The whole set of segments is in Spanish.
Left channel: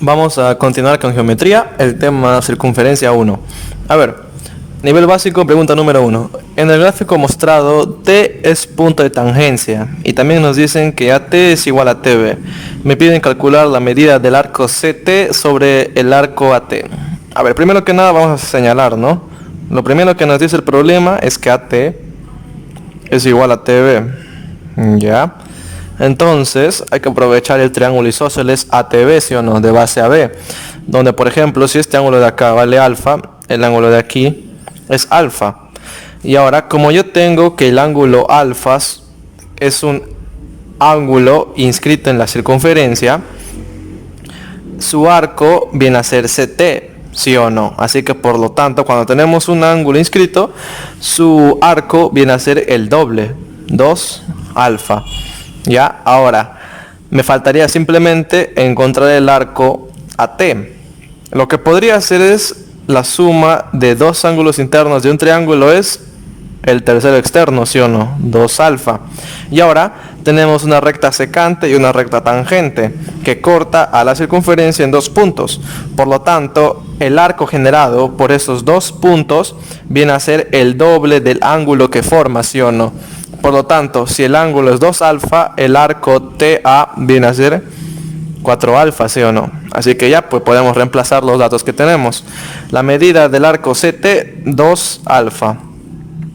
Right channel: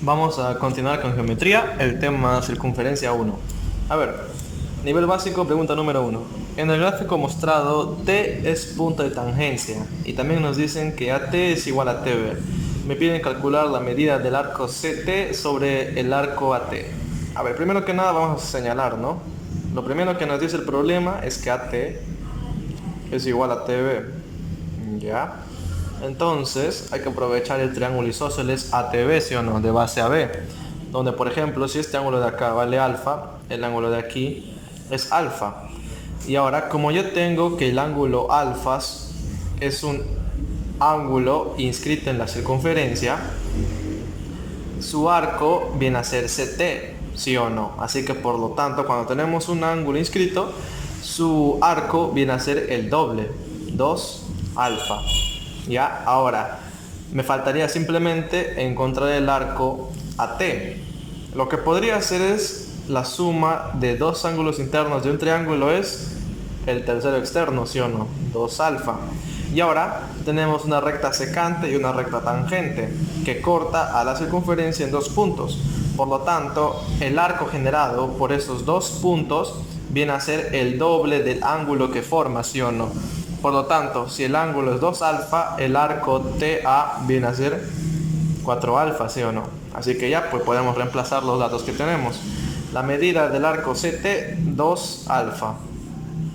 Vamos a continuar con geometría, el tema circunferencia 1. A ver, nivel básico, pregunta número 1. En el gráfico mostrado, T es punto de tangencia y también nos dicen que AT es igual a TB. Me piden calcular la medida del arco CT sobre el arco AT. A ver, primero que nada vamos a señalar, ¿no? Lo primero que nos dice el problema es que AT es igual a TB. ¿Ya? Entonces hay que aprovechar el triángulo isósceles ATB, ¿sí o no? De base a B, donde por ejemplo si este ángulo de acá vale alfa, el ángulo de aquí es alfa. Y ahora, como yo tengo que el ángulo alfa es un ángulo inscrito en la circunferencia, su arco viene a ser CT, ¿sí o no? Así que por lo tanto, cuando tenemos un ángulo inscrito, su arco viene a ser el doble, 2 alfa. Ya, ahora me faltaría simplemente encontrar el arco AT. Lo que podría hacer es la suma de dos ángulos internos de un triángulo es el tercero externo, ¿sí o no? 2 alfa. Y ahora tenemos una recta secante y una recta tangente que corta a la circunferencia en dos puntos. Por lo tanto, el arco generado por esos dos puntos viene a ser el doble del ángulo que forma, ¿sí o no? Por lo tanto, si el ángulo es 2 alfa, el arco TA viene a ser 4 alfa, ¿sí o no? Así que ya pues podemos reemplazar los datos que tenemos. La medida del arco CT, 2 alfa,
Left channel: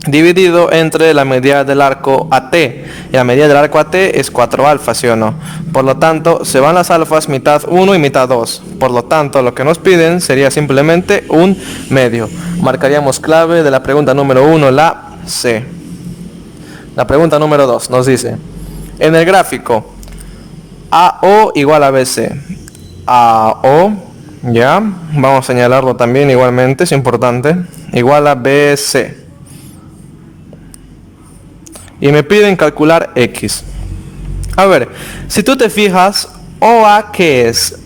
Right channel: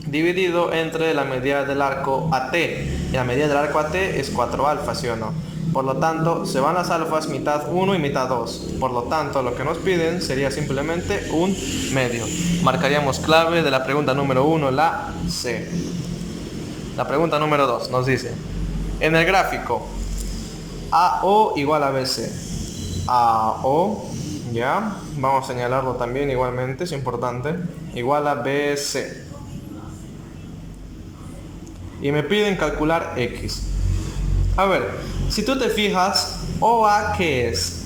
dividido entre la medida del arco AT. Y la medida del arco AT es 4 alfa, ¿sí o no? Por lo tanto, se van las alfas mitad 1 y mitad 2. Por lo tanto, lo que nos piden sería simplemente un medio. Marcaríamos clave de la pregunta número 1, la C. La pregunta número 2 nos dice, en el gráfico AO igual a BC, AO, ya, vamos a señalarlo también igualmente, es importante, igual a BC. Y me piden calcular X. A ver, si tú te fijas, OA, ¿qué es?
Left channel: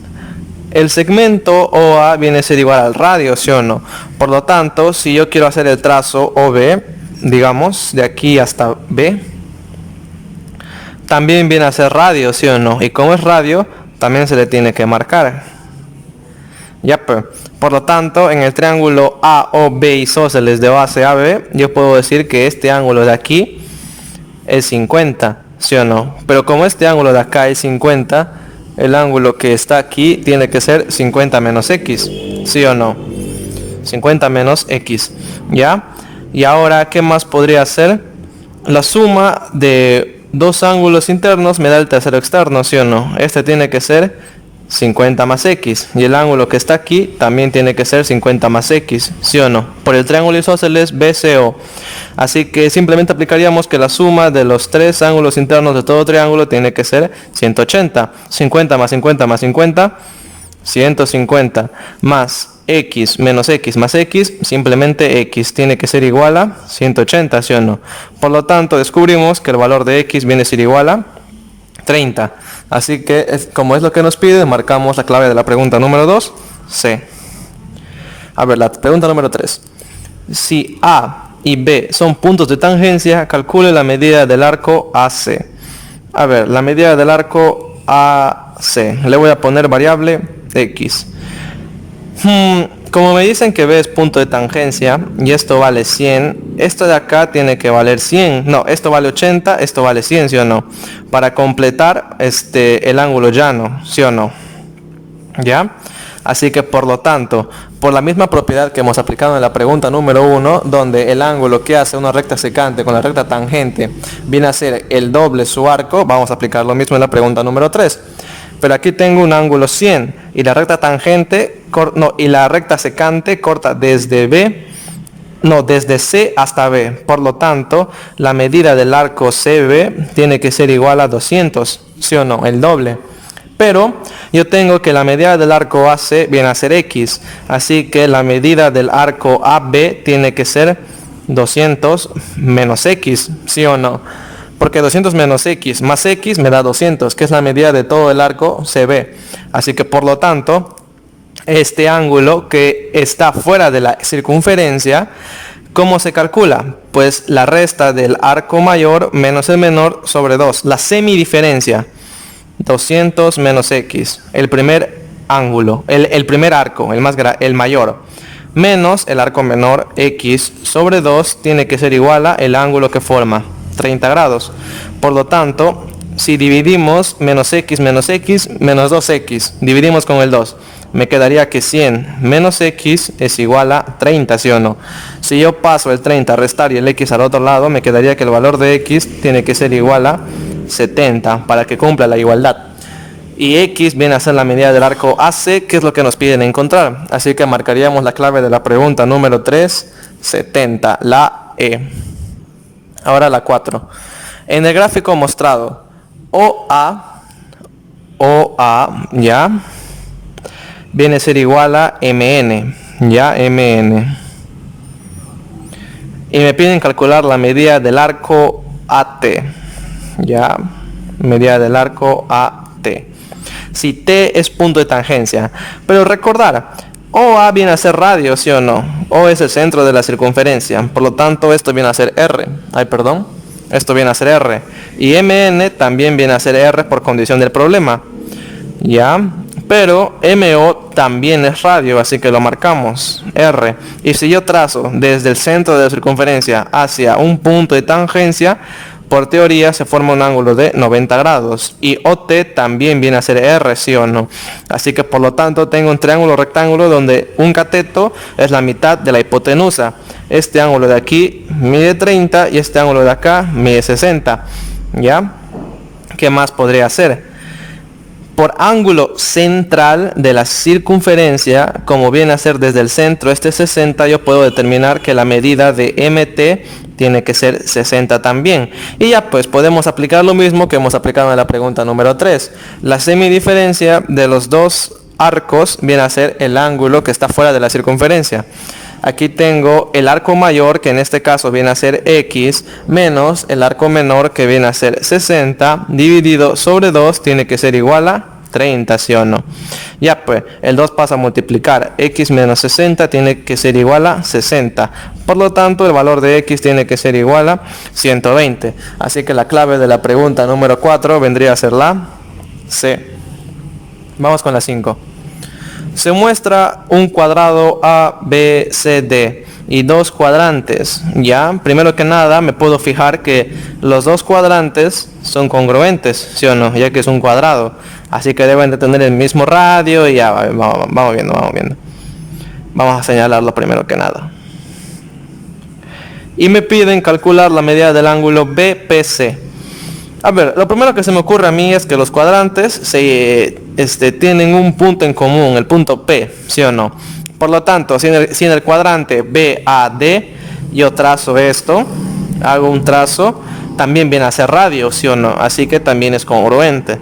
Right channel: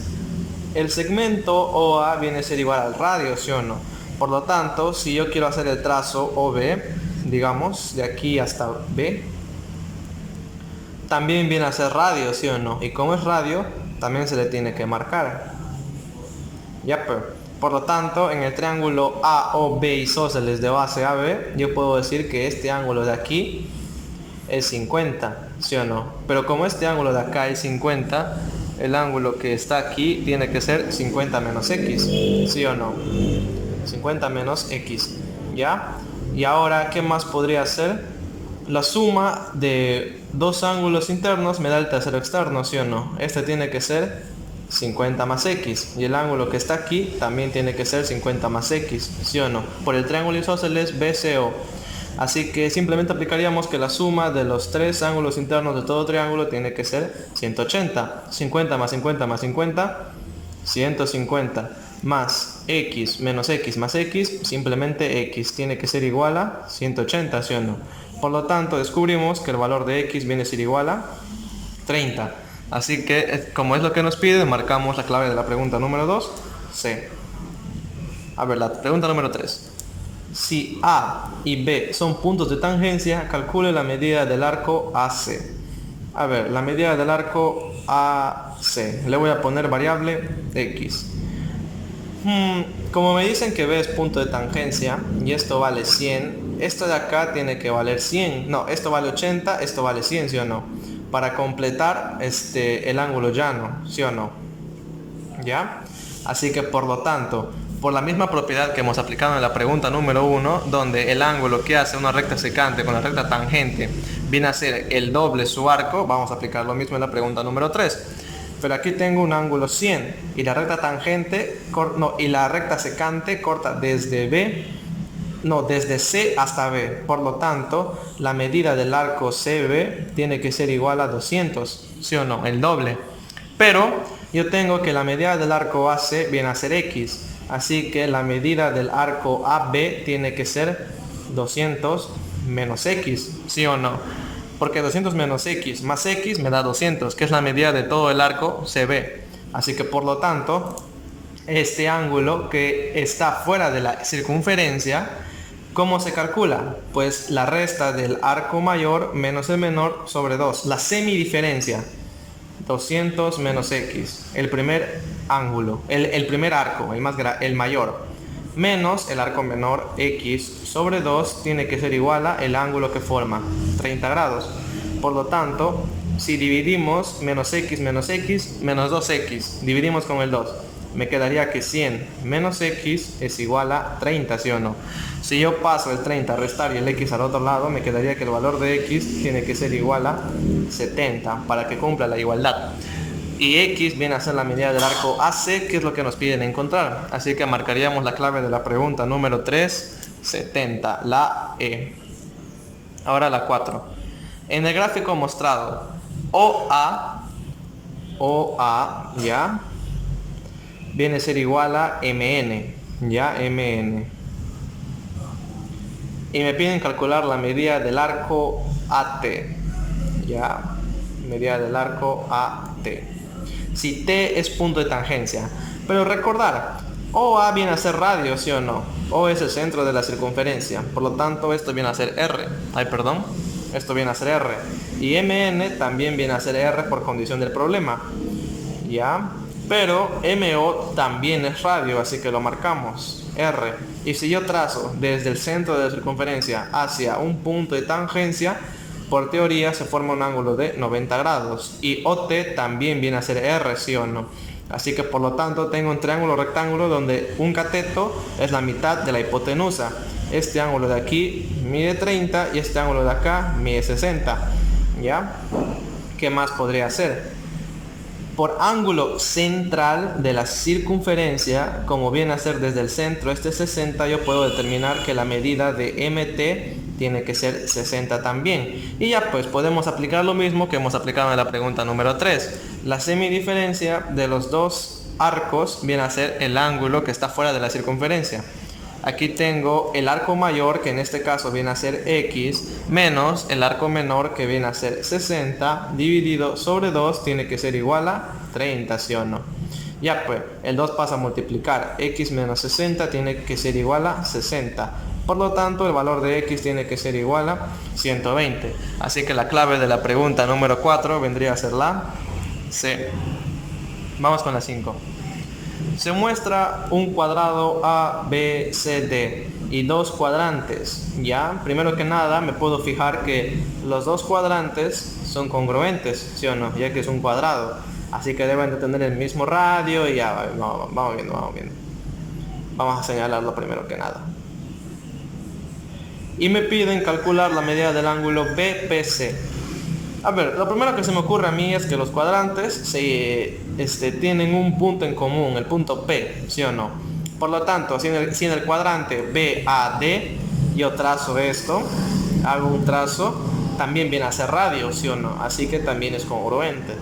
El segmento OA viene a ser igual al radio, ¿sí o no? Por lo tanto, si yo quiero hacer el trazo OB, digamos, de aquí hasta B, también viene a ser radio, ¿sí o no? Y como es radio, también se le tiene que marcar. Ya, pues. Por lo tanto, en el triángulo AOB isósceles de base AB, yo puedo decir que este ángulo de aquí es 50, ¿sí o no? Pero como este ángulo de acá es 50, el ángulo que está aquí tiene que ser 50 menos X, ¿sí o no? 50 menos X, ¿ya? Y ahora, ¿qué más podría ser? La suma de dos ángulos internos me da el tercero externo, ¿sí o no? Este tiene que ser 50 más X. Y el ángulo que está aquí también tiene que ser 50 más X, ¿sí o no? Por el triángulo isósceles BCO. Así que simplemente aplicaríamos que la suma de los tres ángulos internos de todo triángulo tiene que ser 180. 50 más 50 más 50, 150 más X menos X más X, simplemente X tiene que ser igual a 180, ¿sí o no? Por lo tanto, descubrimos que el valor de X viene a ser igual a 30. Así que, como es lo que nos pide, marcamos la clave de la pregunta número 2, C. A ver, la pregunta número 3. Si A y B son puntos de tangencia, calcule la medida del arco AC. A ver, la medida del arco AC. Le voy a poner variable X. Como me dicen que B es punto de tangencia y esto vale 100, esto de acá tiene que valer 100. No, esto vale 80, esto vale 100, ¿sí o no? Para completar el ángulo llano, ¿sí o no? ¿Ya? Así que por lo tanto, por la misma propiedad que hemos aplicado en la pregunta número 1, donde el ángulo que hace una recta secante con la recta tangente viene a ser el doble su arco, vamos a aplicar lo mismo en la pregunta número 3. Pero aquí tengo un ángulo 100 y la recta tangente, y la recta secante corta desde desde C hasta B. Por lo tanto, la medida del arco CB tiene que ser igual a 200, ¿sí o no? El doble. Pero yo tengo que la medida del arco AC viene a ser X, así que la medida del arco AB tiene que ser 200 menos X, ¿sí o no? Porque 200 menos X más X me da 200, que es la medida de todo el arco CB. Así que por lo tanto, este ángulo que está fuera de la circunferencia, ¿cómo se calcula? Pues la resta del arco mayor menos el menor sobre 2, la semidiferencia. 200 menos X. El primer ángulo, el primer arco, el mayor, menos el arco menor, x sobre 2 tiene que ser igual a el ángulo que forma, 30 grados. Por lo tanto, si dividimos menos x, menos 2x, dividimos con el 2, me quedaría que 100 menos x es igual a 30, ¿sí o no? Si yo paso el 30 a restar y el x al otro lado, me quedaría que el valor de x tiene que ser igual a 70 para que cumpla la igualdad. Y x viene a ser la medida del arco AC, que es lo que nos piden encontrar. Así que marcaríamos la clave de la pregunta número 3, 70, la E. Ahora la 4. En el gráfico mostrado, OA, ya, viene a ser igual a MN, ya, MN. Y me piden calcular la medida del arco AT, ya, medida del arco AT. Si T es punto de tangencia. Pero recordar, OA viene a ser radio, ¿sí o no? O es el centro de la circunferencia. Por lo tanto, esto viene a ser R. Esto viene a ser R. Y MN también viene a ser R por condición del problema. ¿Ya? Pero MO también es radio, así que lo marcamos, R. Y si yo trazo desde el centro de la circunferencia hacia un punto de tangencia, por teoría se forma un ángulo de 90 grados. Y OT también viene a ser R, ¿sí o no? Así que por lo tanto tengo un triángulo rectángulo donde un cateto es la mitad de la hipotenusa. Este ángulo de aquí mide 30 y este ángulo de acá mide 60. ¿Ya? ¿Qué más podría hacer? Por ángulo central de la circunferencia, como viene a ser desde el centro este 60, yo puedo determinar que la medida de MT tiene que ser 60 también. Y ya pues podemos aplicar lo mismo que hemos aplicado en la pregunta número 3. La semidiferencia de los dos arcos viene a ser el ángulo que está fuera de la circunferencia. Aquí tengo el arco mayor, que en este caso viene a ser X, menos el arco menor, que viene a ser 60, dividido sobre 2, tiene que ser igual a 30, ¿sí o no? Ya pues, el 2 pasa a multiplicar, X menos 60 tiene que ser igual a 60. Por lo tanto, el valor de X tiene que ser igual a 120. Así que la clave de la pregunta número 4 vendría a ser la C. Vamos con la 5. Se muestra un cuadrado ABCD y dos cuadrantes. Ya, primero que nada me puedo fijar que los dos cuadrantes son congruentes, ¿sí o no? Ya que es un cuadrado. Así que deben de tener el mismo radio y ya, vamos viendo. Vamos a señalarlo primero que nada. Y me piden calcular la medida del ángulo BPC. A ver, lo primero que se me ocurre a mí es que los cuadrantes tienen un punto en común, el punto P, ¿sí o no? Por lo tanto, si en el cuadrante BAD yo trazo esto, hago un trazo, también viene a ser radio, ¿sí o no? Así que también es congruente.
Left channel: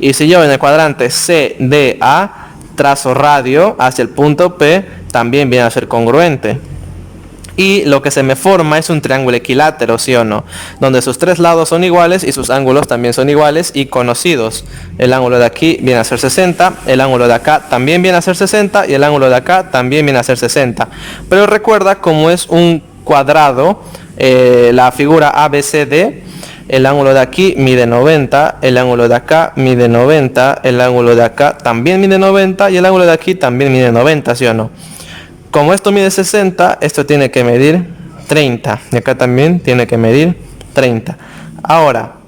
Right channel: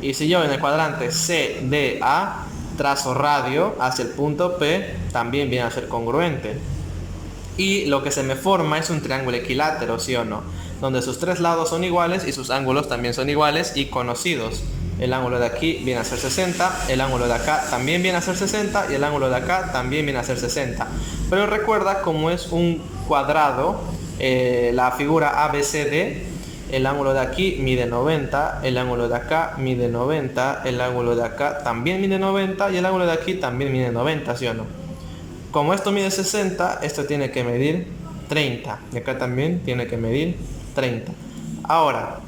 Y si yo en el cuadrante CDA trazo radio hacia el punto P, también viene a ser congruente. Y lo que se me forma es un triángulo equilátero, ¿sí o no? Donde sus tres lados son iguales y sus ángulos también son iguales y conocidos. El ángulo de aquí viene a ser 60, el ángulo de acá también viene a ser 60 y el ángulo de acá también viene a ser 60. Pero recuerda, como es un cuadrado, la figura ABCD, el ángulo de aquí mide 90, el ángulo de acá mide 90, el ángulo de acá también mide 90 y el ángulo de aquí también mide 90, ¿sí o no? Como esto mide 60, esto tiene que medir 30. Y acá también tiene que medir 30. Ahora,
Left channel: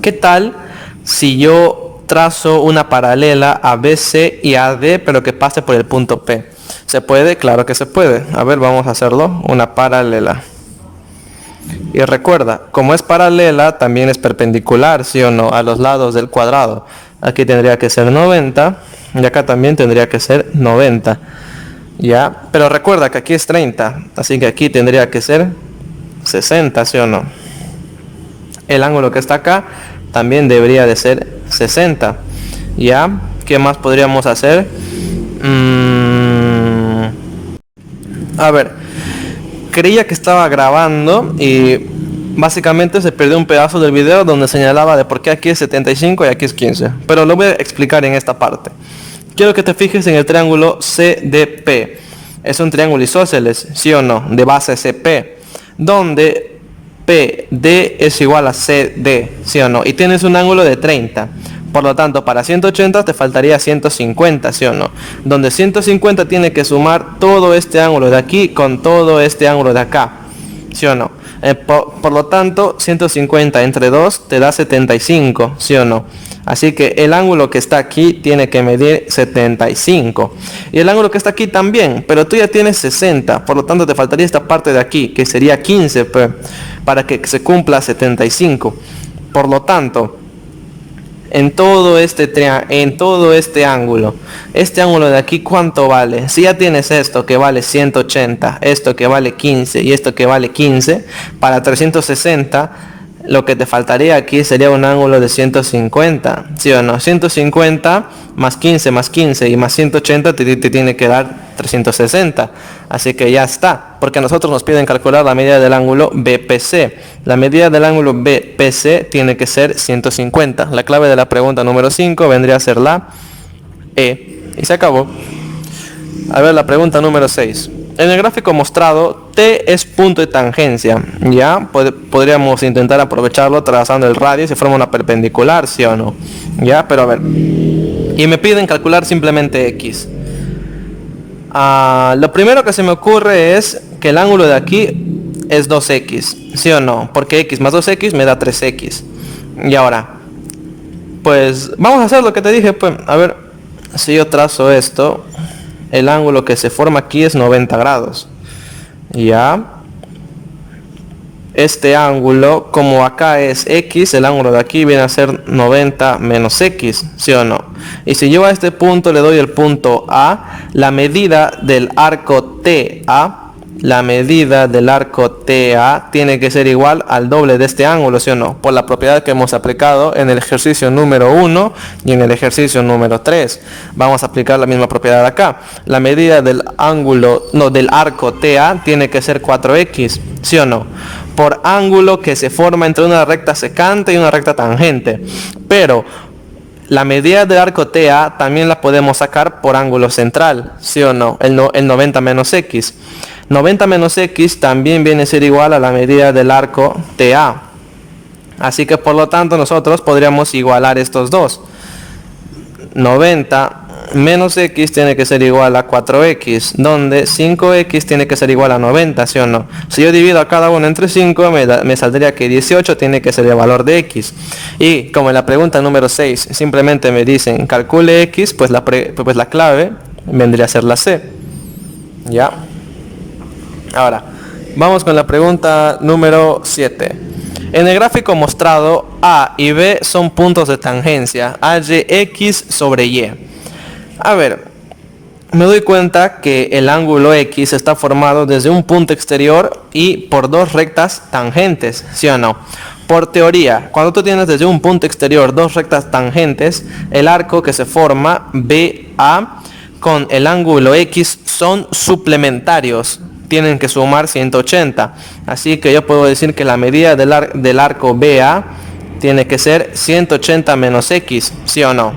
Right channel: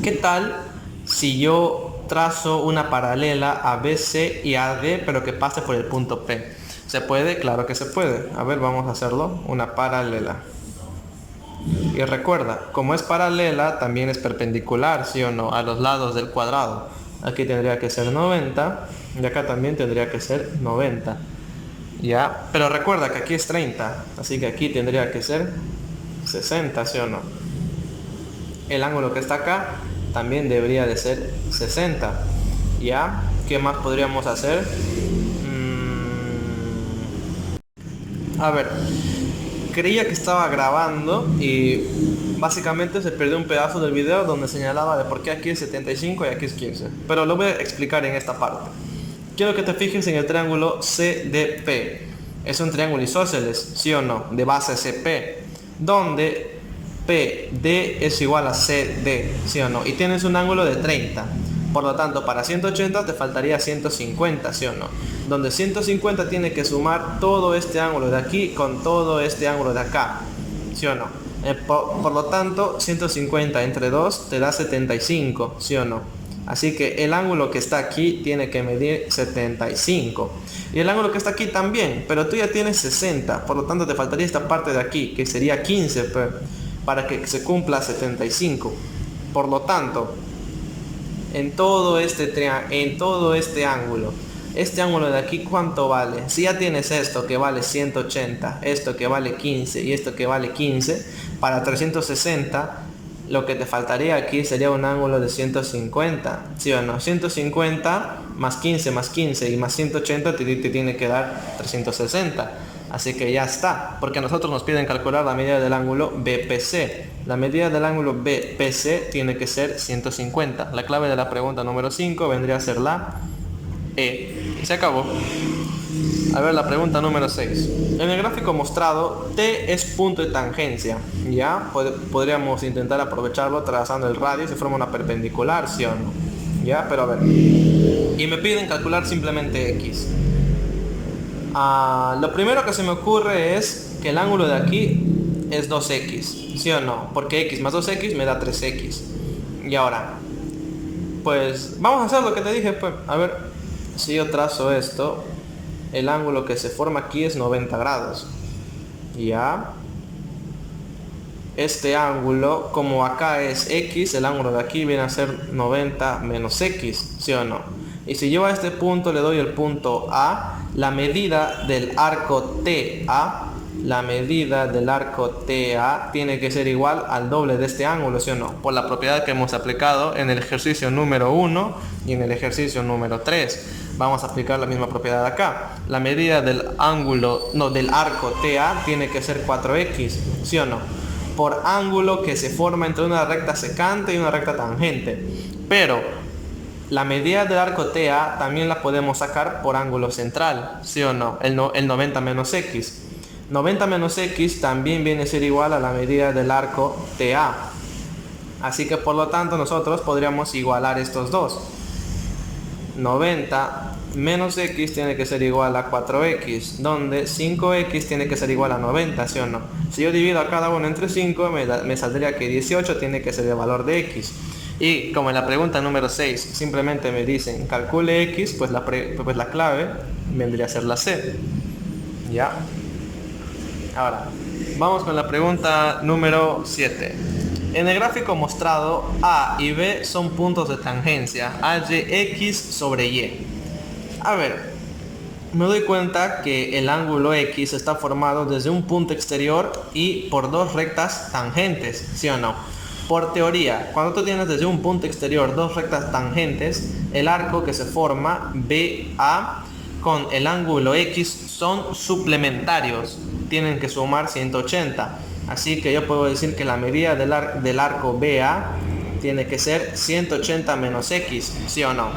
¿qué tal si yo trazo una paralela a BC y AD, pero que pase por el punto P? ¿Se puede? Claro que se puede. A ver, vamos a hacerlo. Una paralela. Y recuerda, como es paralela, también es perpendicular, ¿sí o no? A los lados del cuadrado. Aquí tendría que ser 90. Y acá también tendría que ser 90. Ya, pero recuerda que aquí es 30, así que aquí tendría que ser 60, ¿sí o no? El ángulo que está acá también debería de ser 60. Ya, ¿qué más podríamos hacer? A ver, creía que estaba grabando y básicamente se perdió un pedazo del video donde señalaba de por qué aquí es 75 y aquí es 15. Pero lo voy a explicar en esta parte. Quiero que te fijes en el triángulo CDP. Es un triángulo isósceles, ¿sí o no? De base CP, donde PD es igual a CD, ¿sí o no? Y tienes un ángulo de 30. Por lo tanto, para 180 te faltaría 150, ¿sí o no? Donde 150 tiene que sumar todo este ángulo de aquí con todo este ángulo de acá, ¿sí o no? Por lo tanto, 150 entre 2 te da 75, ¿sí o no? Así que el ángulo que está aquí tiene que medir 75. Y el ángulo que está aquí también, pero tú ya tienes 60. Por lo tanto, te faltaría esta parte de aquí, que sería 15, pues, para que se cumpla 75. Por lo tanto, en todo este ángulo de aquí, ¿cuánto vale? Si ya tienes esto que vale 180, esto que vale 15 y esto que vale 15, para 360, lo que te faltaría aquí sería un ángulo de 150, ¿sí o no? 150 más 15 y más 180 te tiene que dar 360. Así que ya está, porque a nosotros nos piden calcular la medida del ángulo BPC. La medida del ángulo BPC tiene que ser 150. La clave de la pregunta número 5 vendría a ser la E. Y se acabó. A ver, la pregunta número 6. En el gráfico mostrado, T es punto de tangencia. Ya, podríamos intentar aprovecharlo trazando el radio y se forma una perpendicular, ¿sí o no? Ya, pero a ver. Y me piden calcular simplemente X. Lo primero que se me ocurre es que el ángulo de aquí es 2X, ¿sí o no? Porque X más 2X me da 3X. Y ahora, pues vamos a hacer lo que te dije, pues, a ver, si yo trazo esto, el ángulo que se forma aquí es 90 grados. Ya. Este ángulo, como acá es X, el ángulo de aquí viene a ser 90 menos X, ¿sí o no? Y si yo a este punto le doy el punto A, la medida del arco TA tiene que ser igual al doble de este ángulo, ¿sí o no? Por la propiedad que hemos aplicado en el ejercicio número 1 y en el ejercicio número 3. Vamos a aplicar la misma propiedad acá. La medida del arco TA tiene que ser 4X, ¿sí o no? Por ángulo que se forma entre una recta secante y una recta tangente. Pero la medida del arco TA también la podemos sacar por ángulo central, ¿sí o no? El 90 menos X. 90 menos X también viene a ser igual a la medida del arco TA. Así que por lo tanto nosotros podríamos igualar estos dos. 90 menos X tiene que ser igual a 4X, donde 5X tiene que ser igual a 90, ¿sí o no? Si yo divido a cada uno entre 5, me saldría que 18 tiene que ser el valor de X. Y como en la pregunta número 6 simplemente me dicen calcule X, pues la clave vendría a ser la C. ¿Ya? Ahora, vamos con la pregunta número 7. En el gráfico mostrado, A y B son puntos de tangencia, AYX sobre Y. A ver, me doy cuenta que el ángulo X está formado desde un punto exterior y por dos rectas tangentes, ¿sí o no? Por teoría, cuando tú tienes desde un punto exterior dos rectas tangentes, el arco que se forma BA con el ángulo X son suplementarios, tienen que sumar 180. Así que yo puedo decir que la medida del arco BA tiene que ser 180 menos X, ¿sí o no?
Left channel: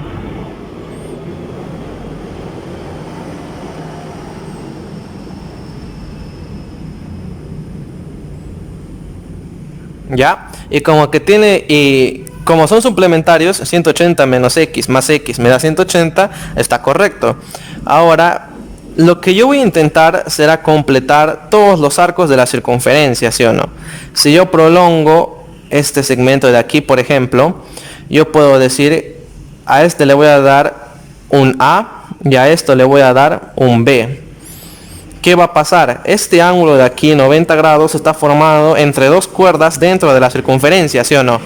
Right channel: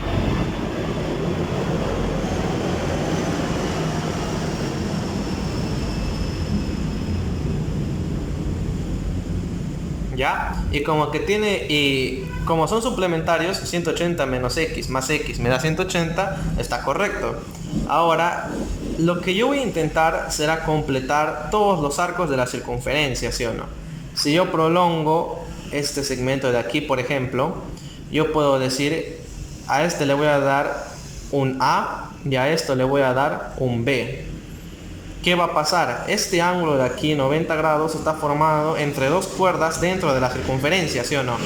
¿Ya? Y como son suplementarios, 180 menos X más X me da 180, está correcto. Ahora, lo que yo voy a intentar será completar todos los arcos de la circunferencia, ¿sí o no? Si yo prolongo este segmento de aquí, por ejemplo, yo puedo decir, a este le voy a dar un A y a esto le voy a dar un B. ¿Qué va a pasar? Este ángulo de aquí, 90 grados, está formado entre dos cuerdas dentro de la circunferencia, ¿sí o no?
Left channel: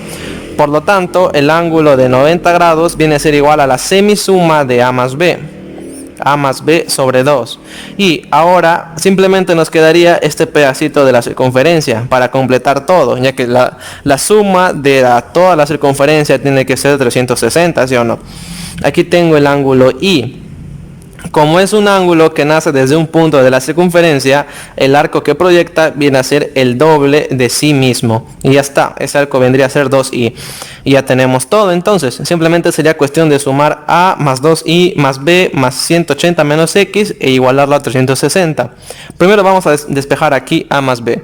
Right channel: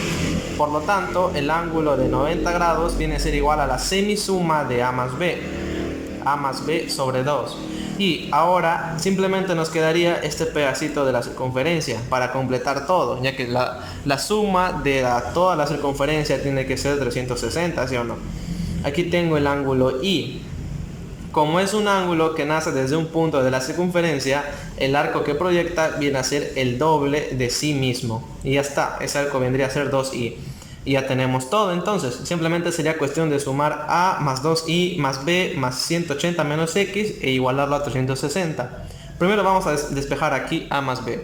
Por lo tanto, el ángulo de 90 grados viene a ser igual a la semisuma de A más B. A más B sobre 2. Y ahora simplemente nos quedaría este pedacito de la circunferencia para completar todo, ya que la suma de toda la circunferencia tiene que ser 360, ¿sí o no? Aquí tengo el ángulo I. Como es un ángulo que nace desde un punto de la circunferencia, el arco que proyecta viene a ser el doble de sí mismo. Y ya está, ese arco vendría a ser 2i. Y ya tenemos todo, entonces simplemente sería cuestión de sumar a más 2i más b más 180 menos x e igualarlo a 360. Primero vamos a despejar aquí a más b.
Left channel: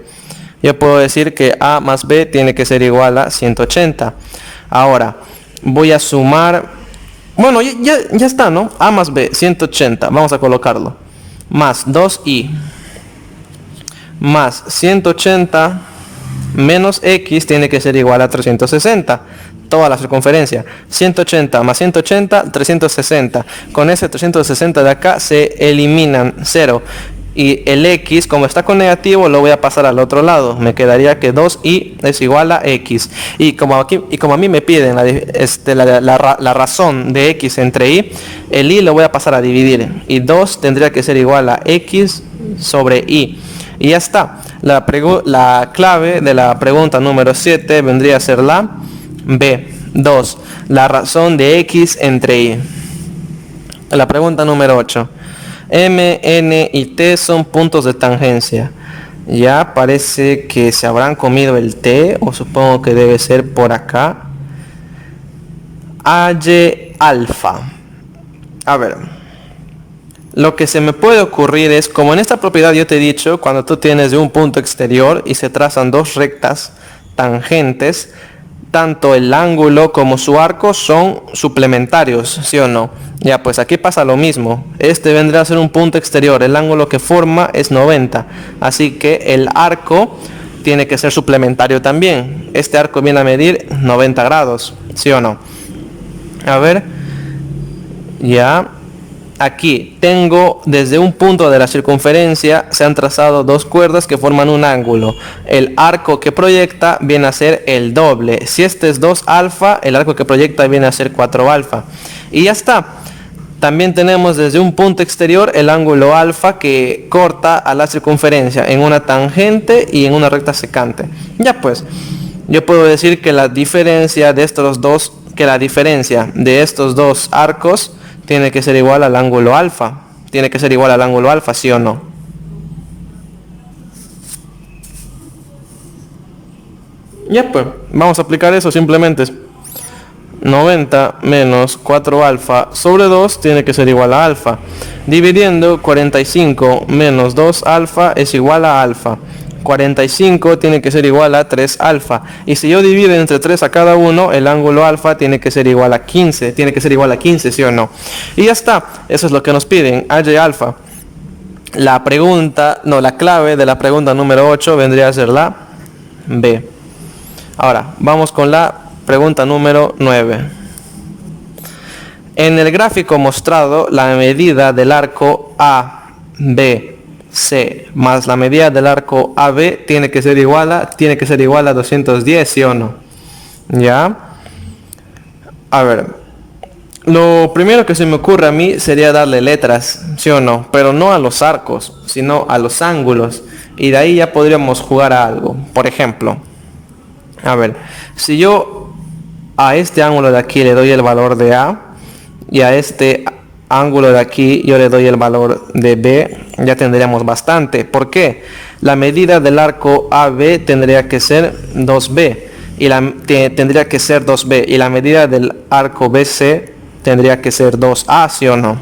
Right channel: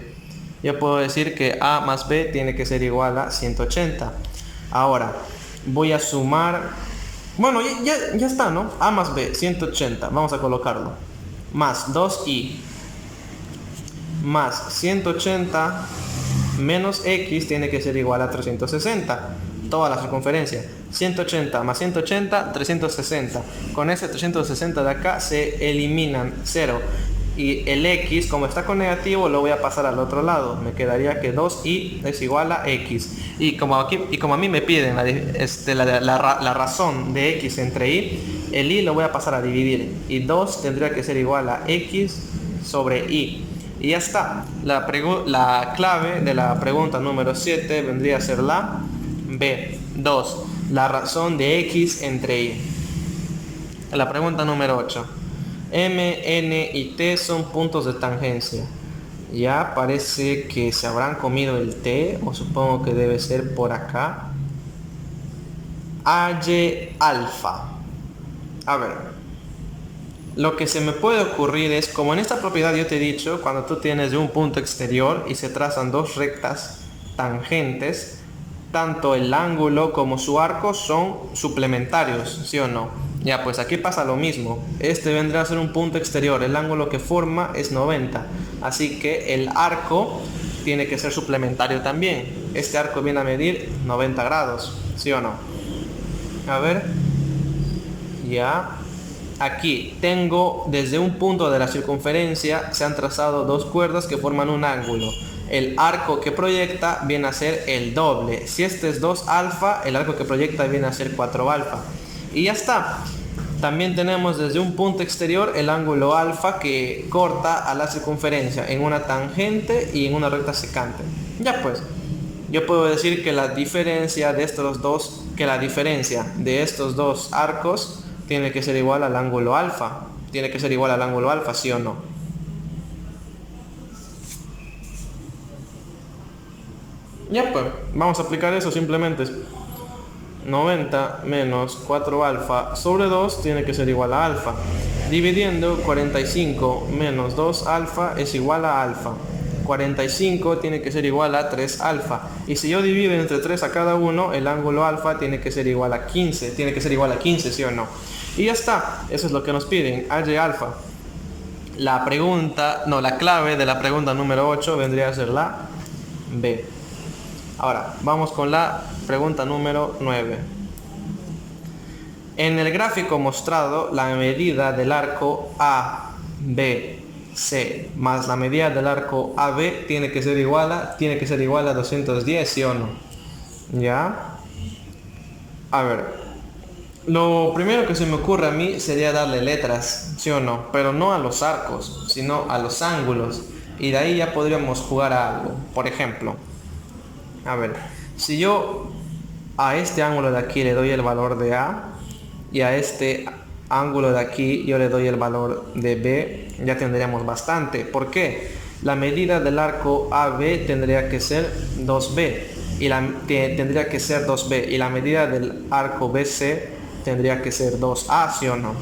Yo puedo decir que a más b tiene que ser igual a 180. Ahora, Voy a sumar, bueno, ya está, ¿no? A más B, 180, vamos a colocarlo. Más 2i más 180 menos x tiene que ser igual a 360. Toda la circunferencia. 180 más 180, 360. Con ese 360 de acá se eliminan 0. Y el x, como está con negativo, lo voy a pasar al otro lado. Me quedaría que 2i es igual a x. Y como a mí me piden la razón de x entre y, el y lo voy a pasar a dividir. Y 2 tendría que ser igual a x sobre y. Y ya está. La clave de la pregunta número 7 vendría a ser la B. 2. La razón de x entre y. La pregunta número 8. M, N y T son puntos de tangencia. Ya parece que se habrán comido el T, o supongo que debe ser por acá. Y alfa. A ver. Lo que se me puede ocurrir es, como en esta propiedad yo te he dicho, cuando tú tienes de un punto exterior y se trazan dos rectas tangentes, tanto el ángulo como su arco son suplementarios, ¿sí o no? Ya, pues aquí pasa lo mismo. Este vendrá a ser un punto exterior. El ángulo que forma es 90. Así que el arco tiene que ser suplementario también. Este arco viene a medir 90 grados, ¿sí o no? A ver. Ya. Aquí tengo desde un punto de la circunferencia se han trazado dos cuerdas que forman un ángulo. El arco que proyecta viene a ser el doble. Si este es 2 alfa, el arco que proyecta viene a ser 4 alfa. Y ya está. También tenemos desde un punto exterior el ángulo alfa que corta a la circunferencia en una tangente y en una recta secante. Ya pues, yo puedo decir que la diferencia de estos dos arcos tiene que ser igual al ángulo alfa. Tiene que ser igual al ángulo alfa, ¿sí o no? Ya pues, vamos a aplicar eso simplemente. 90 menos 4 alfa sobre 2 tiene que ser igual a alfa. Dividiendo 45 menos 2 alfa es igual a alfa. 45 tiene que ser igual a 3 alfa. Y si yo divido entre 3 a cada uno, el ángulo alfa tiene que ser igual a 15. Tiene que ser igual a 15, ¿sí o no? Y ya está. Eso es lo que nos piden. Y alfa. La clave de la pregunta número 8 vendría a ser la B. Ahora, vamos con la pregunta número 9. En el gráfico mostrado, la medida del arco ABC más la medida del arco AB tiene que ser igual a 210, ¿sí o no? ¿Ya? A ver, lo primero que se me ocurre a mí sería darle letras, ¿sí o no? Pero no a los arcos, sino a los ángulos. Y de ahí ya podríamos jugar a algo. Por ejemplo, a ver, si yo a este ángulo de aquí le doy el valor de A y a este ángulo de aquí yo le doy el valor de B, ya tendríamos bastante. ¿Por qué? La medida del arco AB tendría que ser 2B y tendría que ser 2B y la medida del arco BC tendría que ser 2A, ¿sí o no?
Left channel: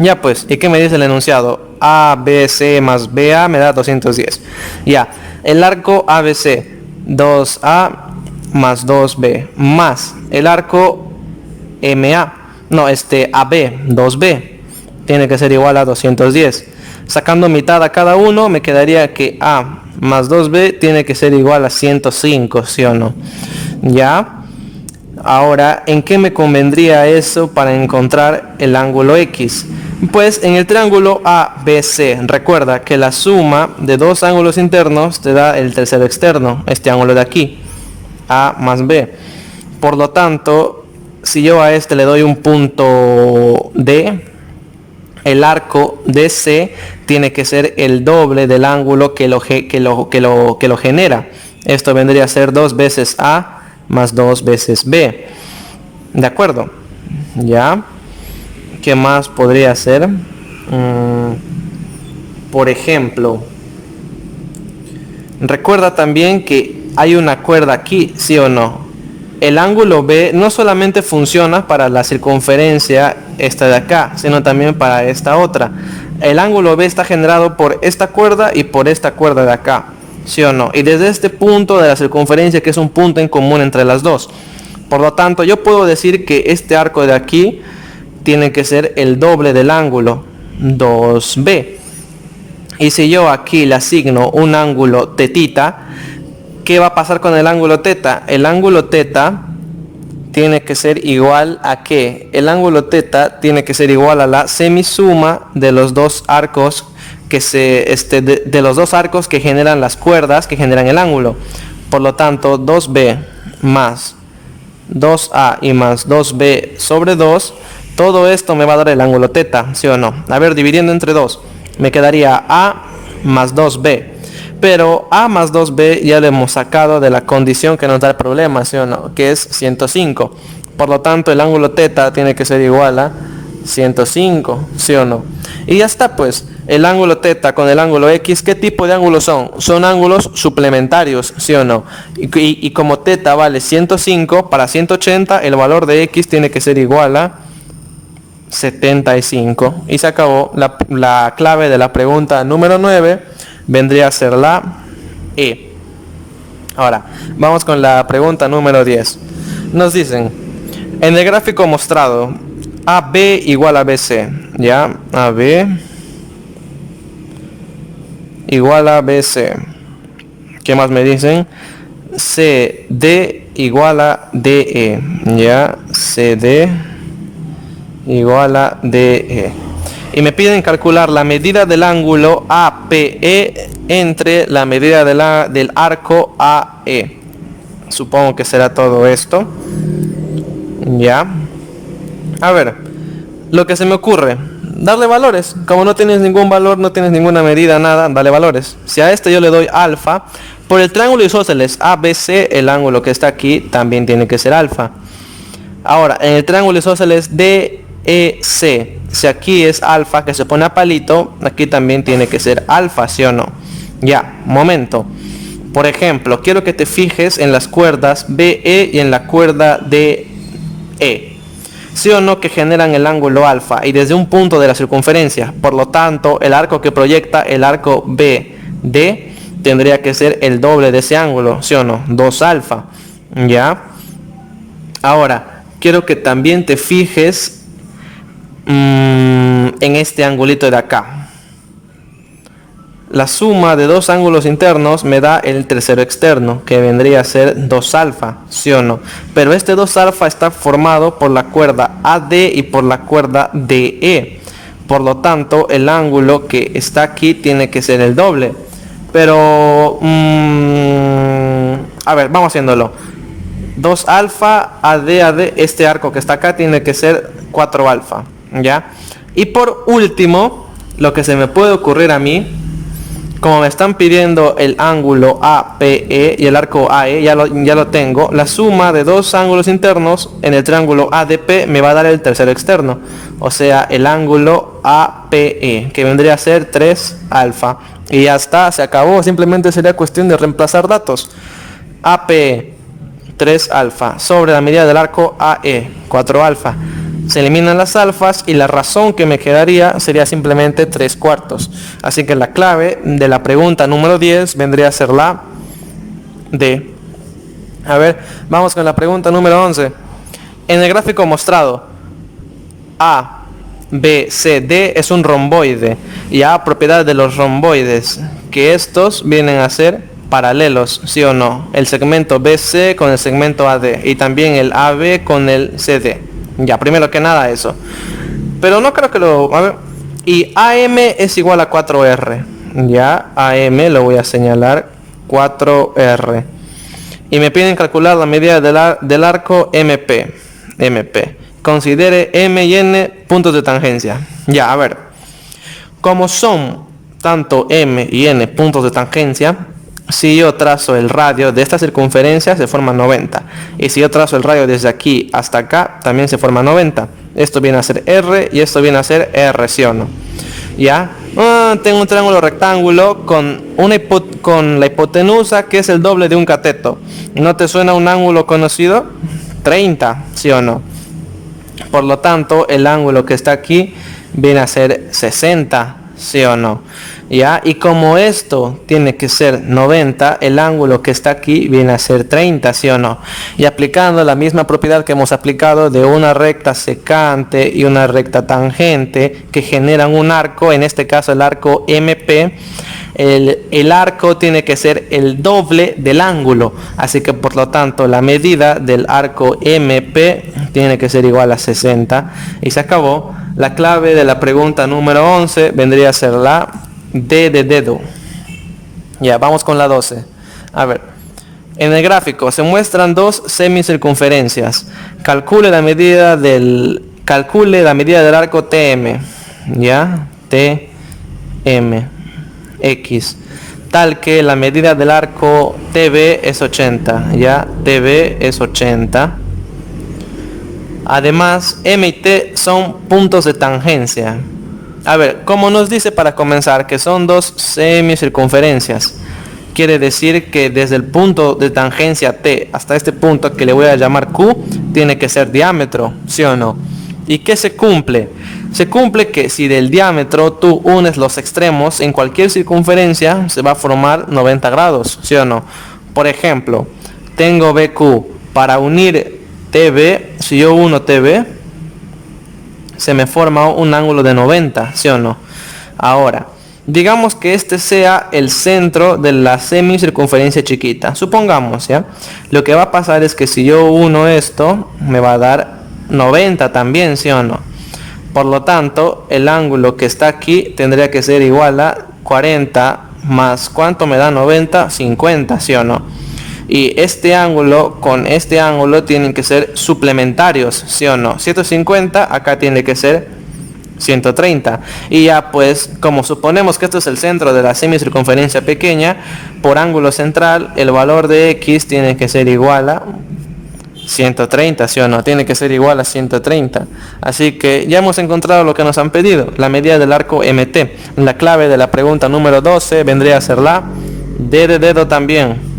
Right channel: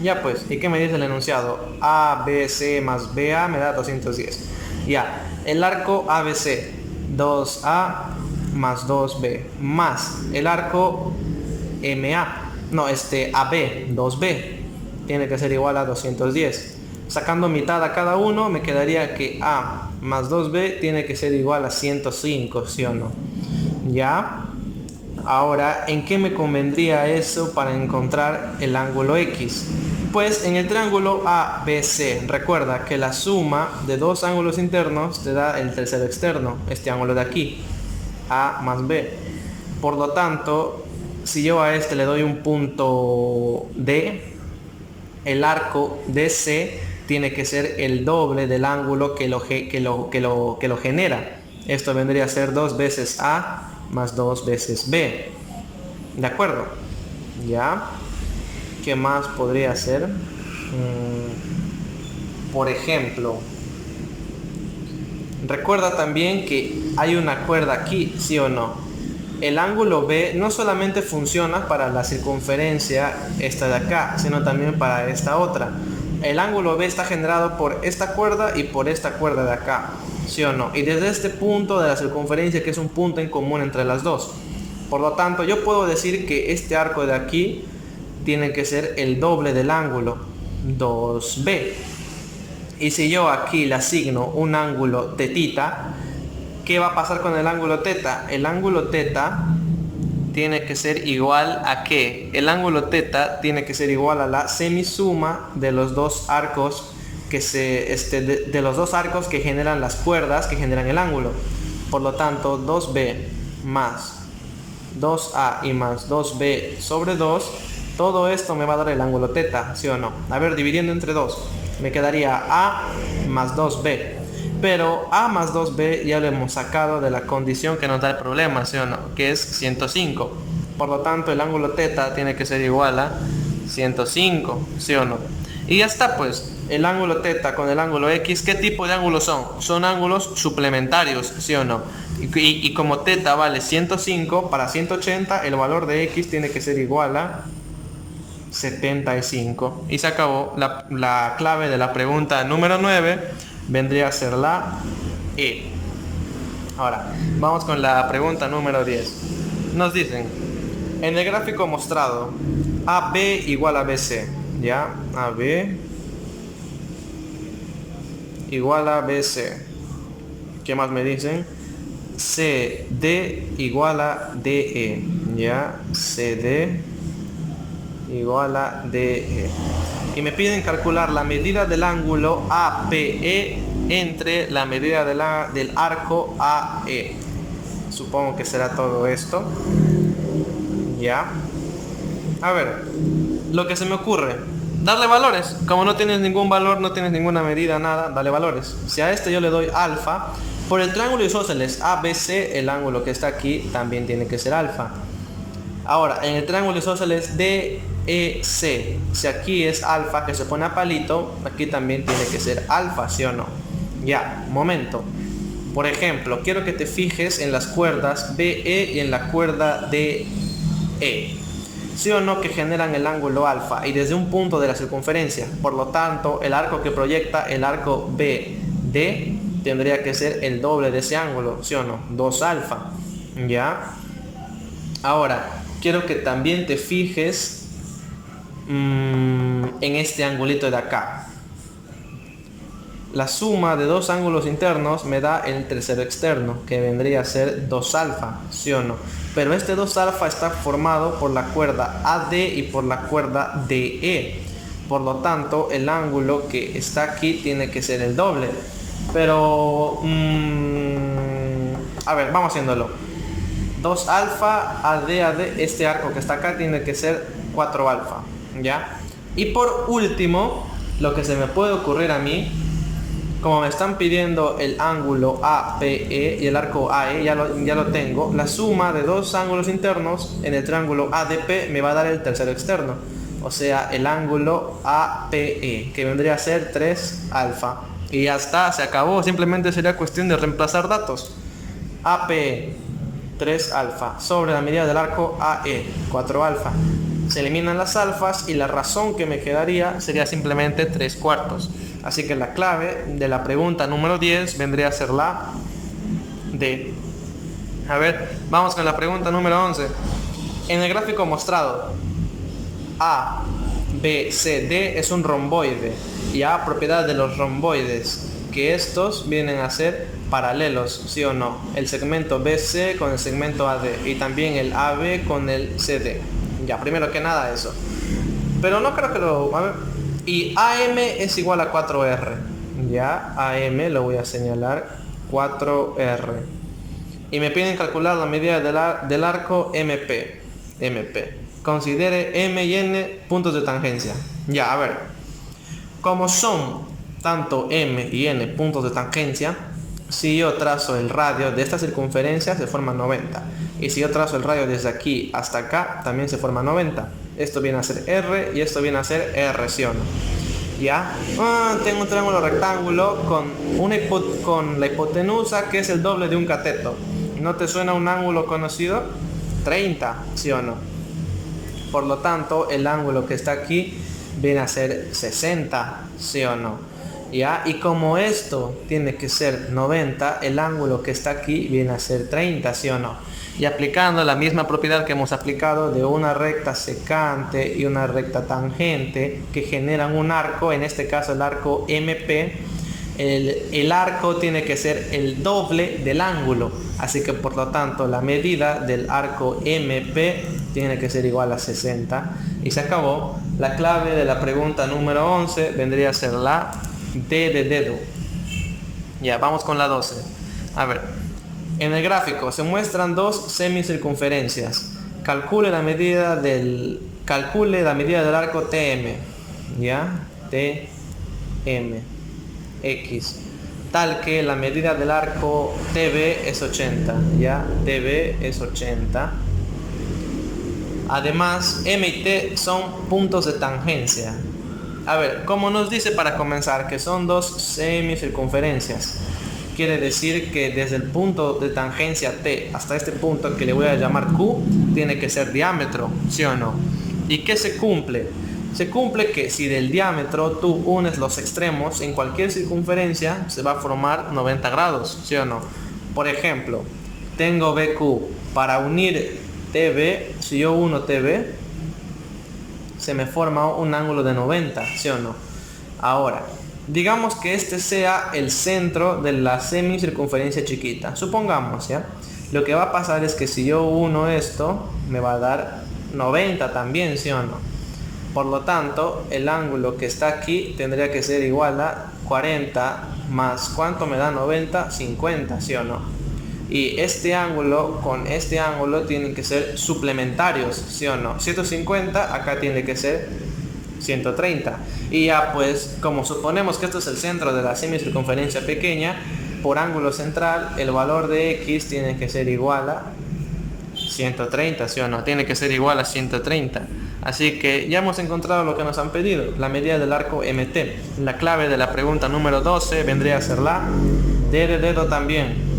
Ya pues, ¿y qué me dice el enunciado? ABC más BA me da 210. Ya, el arco ABC 2A más 2B más el arco AB 2B tiene que ser igual a 210. Sacando mitad a cada uno me quedaría que A más 2B tiene que ser igual a 105, ¿sí o no? Ya. Ahora, ¿en qué me convendría eso para encontrar el ángulo X? Pues en el triángulo ABC, recuerda que la suma de dos ángulos internos te da el tercero externo, este ángulo de aquí, A más B. Por lo tanto, si yo a este le doy un punto D, el arco DC tiene que ser el doble del ángulo que lo genera. Esto vendría a ser 2 veces A más 2 veces B. ¿De acuerdo? ¿Ya? ¿Qué más podría ser? Por ejemplo, recuerda también que hay una cuerda aquí, ¿sí o no? El ángulo B no solamente funciona para la circunferencia esta de acá, sino también para esta otra. El ángulo B está generado por esta cuerda y por esta cuerda de acá, ¿sí o no? Y desde este punto de la circunferencia, que es un punto en común entre las dos. Por lo tanto, yo puedo decir que este arco de aquí tiene que ser el doble del ángulo 2B. Y si yo aquí le asigno un ángulo tetita, ¿qué va a pasar con el ángulo teta? El ángulo teta tiene que ser igual a ¿qué? El ángulo teta tiene que ser igual a la semisuma de los dos arcos de los dos arcos que generan las cuerdas que generan el ángulo. Por lo tanto, 2B más 2A y más 2B sobre 2, todo esto me va a dar el ángulo teta, ¿sí o no? A ver, dividiendo entre 2, me quedaría A más 2B. Pero A más 2B ya lo hemos sacado de la condición que nos da el problema, ¿sí o no? Que es 105. Por lo tanto, el ángulo teta tiene que ser igual a 105, ¿sí o no? Y ya está, pues, el ángulo teta con el ángulo X, ¿qué tipo de ángulos son? Son ángulos suplementarios, ¿sí o no? Y como teta vale 105, para 180 el valor de X tiene que ser igual a 75. Y se acabó. La clave de la pregunta número 9 vendría a ser la E. Ahora, vamos con la pregunta número 10. Nos dicen, en el gráfico mostrado, AB igual a BC, ¿ya? AB igual a BC. ¿Qué más me dicen? CD igual a DE, ¿ya? CD igual a DE. Y me piden calcular la medida del ángulo APE entre la medida del arco AE. Supongo que será todo esto. Ya. A ver, lo que se me ocurre, darle valores. Como no tienes ningún valor, no tienes ninguna medida, nada, dale valores. Si a este yo le doy alfa, por el triángulo isósceles ABC, el ángulo que está aquí también tiene que ser alfa. Ahora, en el triángulo isósceles DEC, si aquí es alfa que se pone a palito, aquí también tiene que ser alfa, ¿sí o no? Ya, momento. Por ejemplo, quiero que te fijes en las cuerdas BE y en la cuerda DE. ¿Sí o no que generan el ángulo alfa y desde un punto de la circunferencia? Por lo tanto, el arco que proyecta el arco BD tendría que ser el doble de ese ángulo, ¿sí o no? 2 alfa. ¿Ya? Ahora, quiero que también te fijes en este angulito de acá. La suma de dos ángulos internos me da el tercero externo, que vendría a ser 2 alfa, ¿sí o no? Pero este 2 alfa está formado por la cuerda AD y por la cuerda DE. Por lo tanto, el ángulo que está aquí tiene que ser el doble. Pero, a ver, vamos haciéndolo. 2 alfa, AD, este arco que está acá tiene que ser 4 alfa, ¿ya? Y por último, lo que se me puede ocurrir a mí, como me están pidiendo el ángulo APE y el arco AE, ya lo tengo. La suma de dos ángulos internos en el triángulo ADP me va a dar el tercero externo. O sea, el ángulo APE, que vendría a ser 3 alfa. Y ya está, se acabó. Simplemente sería cuestión de reemplazar datos. APE, 3 alfa, sobre la medida del arco AE, 4 alfa. Se eliminan las alfas y la razón que me quedaría sería simplemente 3/4. Así que la clave de la pregunta número 10 vendría a ser la D. A ver, vamos con la pregunta número 11. En el gráfico mostrado, A, B, C, D es un romboide. Y A, propiedad de los romboides, que estos vienen a ser paralelos, ¿sí o no? El segmento BC con el segmento AD y también el AB con el CD. Ya, primero que nada eso. Pero no creo que lo... A ver. Y AM es igual a 4R. Ya, AM lo voy a señalar 4R. Y me piden calcular la medida del arco MP. Considere M y N puntos de tangencia. Ya, a ver. Como son tanto M y N puntos de tangencia, si yo trazo el radio de esta circunferencia se forma 90. Y si yo trazo el radio desde aquí hasta acá también se forma 90. Esto viene a ser R y esto viene a ser R, ¿sí o no? ¿Ya? Tengo un triángulo rectángulo con la hipotenusa que es el doble de un cateto. ¿No te suena un ángulo conocido? 30, ¿sí o no? Por lo tanto, el ángulo que está aquí viene a ser 60. ¿sí o no? ¿Ya? Y como esto tiene que ser 90, el ángulo que está aquí viene a ser 30, ¿sí o no? Y aplicando la misma propiedad que hemos aplicado de una recta secante y una recta tangente que generan un arco, en este caso el arco MP, el arco tiene que ser el doble del ángulo, así que por lo tanto la medida del arco MP tiene que ser igual a 60 y se acabó. La clave de la pregunta número 11 vendría a ser la D de dedo. Ya, vamos con la 12. A ver, en el gráfico se muestran dos semicircunferencias. Calcule la medida del arco TM, ya, TM X, tal que la medida del arco TB es 80, ya, TB es 80. Además, M y T son puntos de tangencia. A ver, como nos dice para comenzar que son dos semicircunferencias, quiere decir que desde el punto de tangencia T hasta este punto que le voy a llamar Q, tiene que ser diámetro, ¿sí o no? ¿Y qué se cumple? Se cumple que si del diámetro tú unes los extremos en cualquier circunferencia, se va a formar 90 grados, ¿sí o no? Por ejemplo, tengo BQ, para unir TB, si yo uno TB, se me forma un ángulo de 90, ¿sí o no? Ahora, digamos que este sea el centro de la semicircunferencia chiquita. Supongamos, ¿ya? Lo que va a pasar es que si yo uno esto, me va a dar 90 también, ¿sí o no? Por lo tanto, el ángulo que está aquí tendría que ser igual a 40 más, ¿cuánto me da 90? 50, ¿sí o no? Y este ángulo con este ángulo tienen que ser suplementarios, ¿sí o no? 150, acá tiene que ser 130. Y ya pues, como suponemos que esto es el centro de la semicircunferencia pequeña, por ángulo central, el valor de X tiene que ser igual a 130, ¿sí o no? Tiene que ser igual a 130. Así que ya hemos encontrado lo que nos han pedido, la medida del arco MT. La clave de la pregunta número 12 vendría a ser la D de dedo también.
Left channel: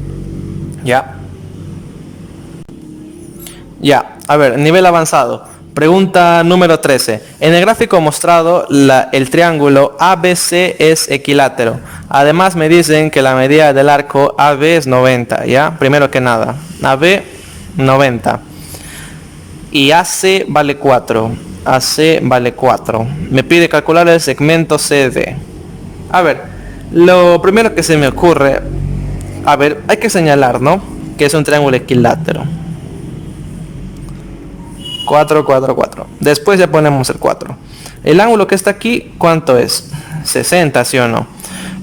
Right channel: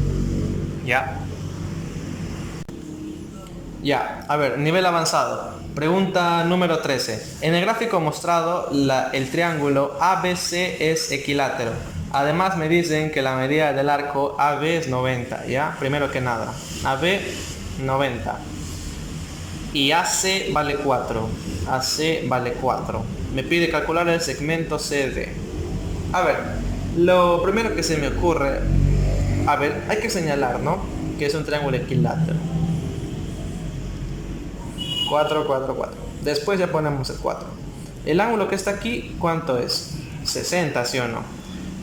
Ya, a ver, nivel avanzado. Pregunta número 13. En el gráfico mostrado, el triángulo ABC es equilátero. Además me dicen que la medida del arco AB es 90, ¿ya? Primero que nada, AB 90. Y AC vale 4. AC vale 4. Me pide calcular el segmento CD. A ver, lo primero que se me ocurre, a ver, hay que señalar, ¿no? Que es un triángulo equilátero. 4, 4, 4. Después ya ponemos el 4. El ángulo que está aquí, ¿cuánto es? 60, ¿sí o no?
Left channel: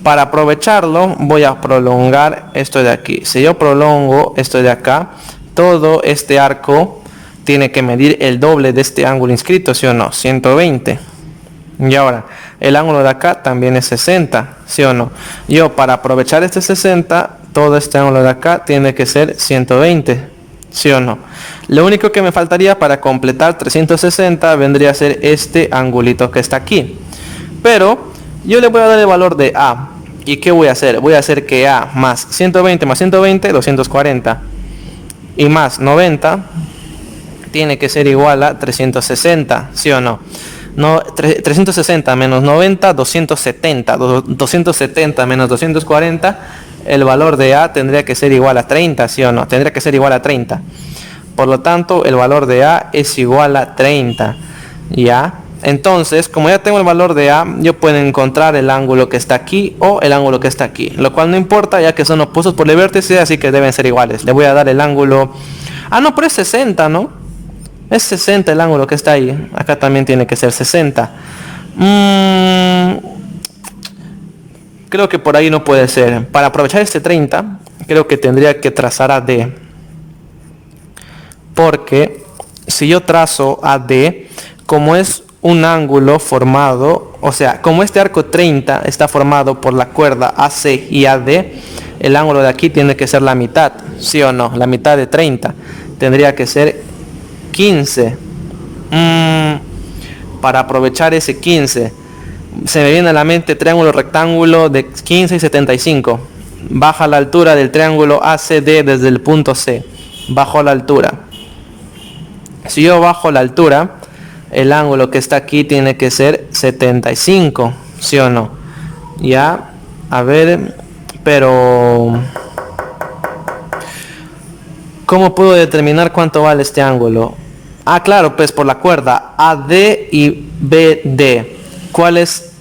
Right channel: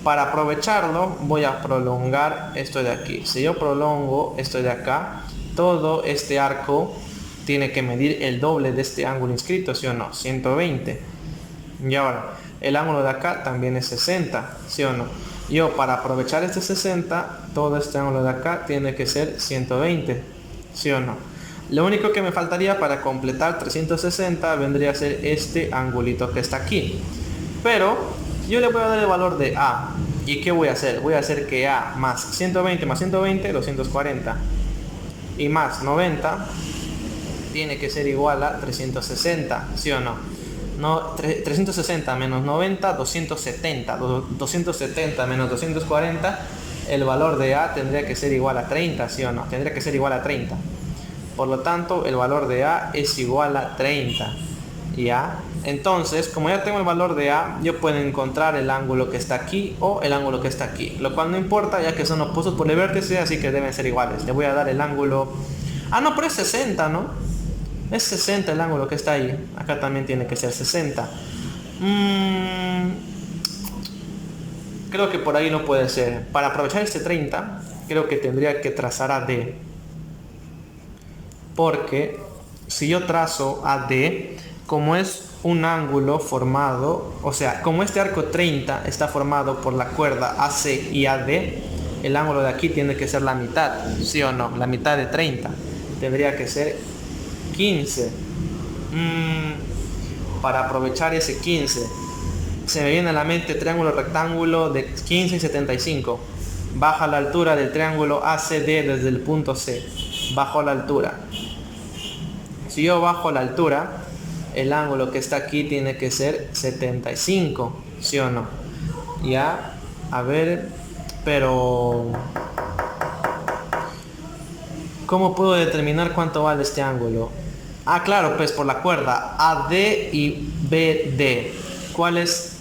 Para aprovecharlo, voy a prolongar esto de aquí. Si yo prolongo esto de acá, todo este arco tiene que medir el doble de este ángulo inscrito, ¿sí o no? 120. Y ahora, el ángulo de acá también es 60, ¿sí o no? Yo para aprovechar este 60, todo este ángulo de acá tiene que ser 120, ¿sí o no? Lo único que me faltaría para completar 360 vendría a ser este angulito que está aquí. Pero yo le voy a dar el valor de A. ¿Y qué voy a hacer? Voy a hacer que A más 120 más 120, 240. Y más 90 tiene que ser igual a 360, ¿sí o no? 360 menos 90, 270. 270 menos 240, el valor de A tendría que ser igual a 30, ¿sí o no? Tendría que ser igual a 30. Por lo tanto, el valor de A es igual a 30. ¿Ya? Entonces, como ya tengo el valor de A, yo puedo encontrar el ángulo que está aquí o el ángulo que está aquí. Lo cual no importa, ya que son opuestos por el vértice, así que deben ser iguales. Le voy a dar el ángulo... Ah, no, pero es 60, ¿no? Es 60 el ángulo que está ahí. Acá también tiene que ser 60. Creo que por ahí no puede ser. Para aprovechar este 30, creo que tendría que trazar a D. Porque si yo trazo AD, como es un ángulo formado, o sea, como este arco 30 está formado por la cuerda AC y AD, el ángulo de aquí tiene que ser la mitad, ¿sí o no? La mitad de 30. Tendría que ser 15. Para aprovechar ese 15, se me viene a la mente triángulo rectángulo de 15 y 75. Baja la altura del triángulo ACD desde el punto C. Bajo la altura. Si yo bajo la altura, el ángulo que está aquí tiene que ser 75, ¿sí o no? Ya, a ver, pero ¿cómo puedo determinar cuánto vale este ángulo? Ah, claro, pues por la cuerda AD y BD. ¿Cuál es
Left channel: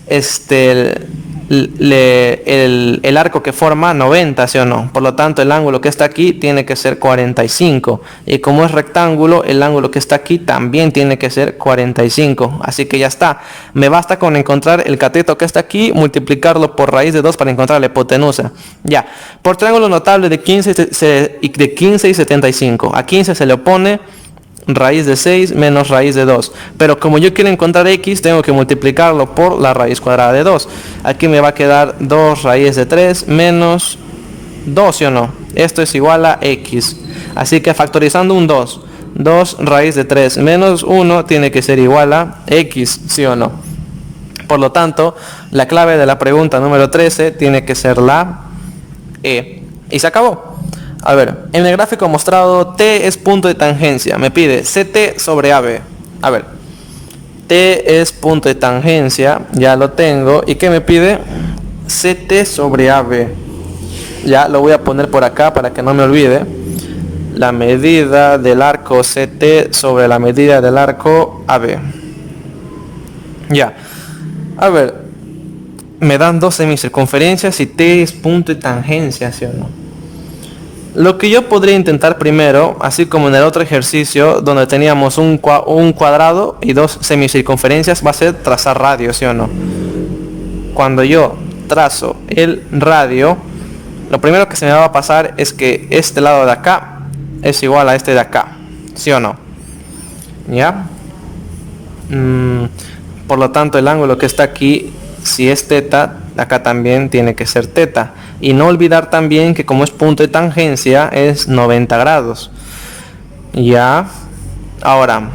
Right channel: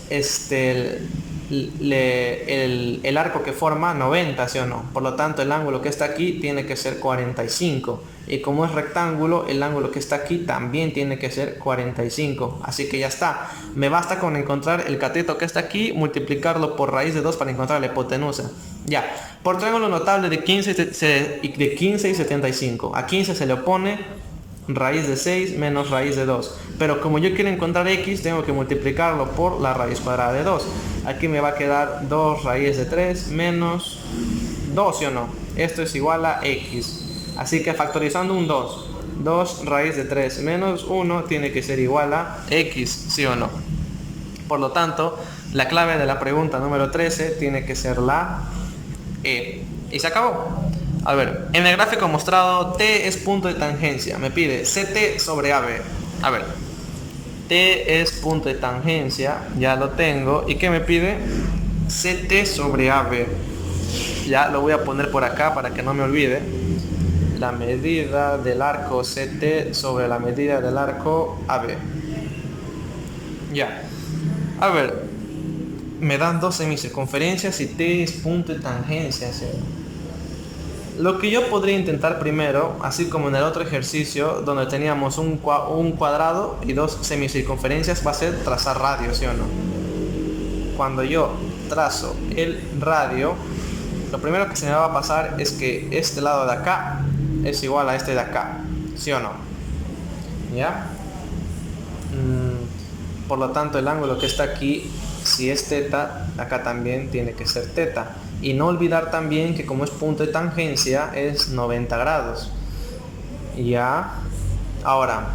el arco que forma? 90, ¿sí o no? Por lo tanto, el ángulo que está aquí tiene que ser 45. Y como es rectángulo, el ángulo que está aquí también tiene que ser 45. Así que ya está. Me basta con encontrar el cateto que está aquí, multiplicarlo por raíz de 2 para encontrar la hipotenusa. Ya. Por triángulo notable de 15 y 75. A 15 se le opone raíz de 6 menos raíz de 2, pero como yo quiero encontrar x, tengo que multiplicarlo por la raíz cuadrada de 2. Aquí me va a quedar 2 raíz de 3 menos 2, ¿sí o no? Esto es igual a x, así que factorizando un 2, 2 raíz de 3 menos 1 tiene que ser igual a x, ¿sí o no? Por lo tanto, la clave de la pregunta número 13 tiene que ser la E. Y se acabó. A ver, en el gráfico mostrado T es punto de tangencia. Me pide CT sobre AB. A ver, T es punto de tangencia. Ya lo tengo. ¿Y qué me pide? CT sobre AB. Ya lo voy a poner por acá para que no me olvide. La medida del arco CT sobre la medida del arco AB. Ya. A ver, me dan dos semicircunferencias y T es punto de tangencia, ¿sí o no? Lo que yo podría intentar primero, así como en el otro ejercicio donde teníamos un cuadrado y dos semicircunferencias, va a ser trazar radio, ¿sí o no? Cuando yo trazo el radio, lo primero que se me va a pasar es que este lado de acá es igual a este de acá, ¿sí o no? ¿Ya? Por lo tanto, el ángulo que está aquí, si es teta, acá también tiene que ser teta. Y no olvidar también que como es punto de tangencia es 90 grados. Ya. Ahora,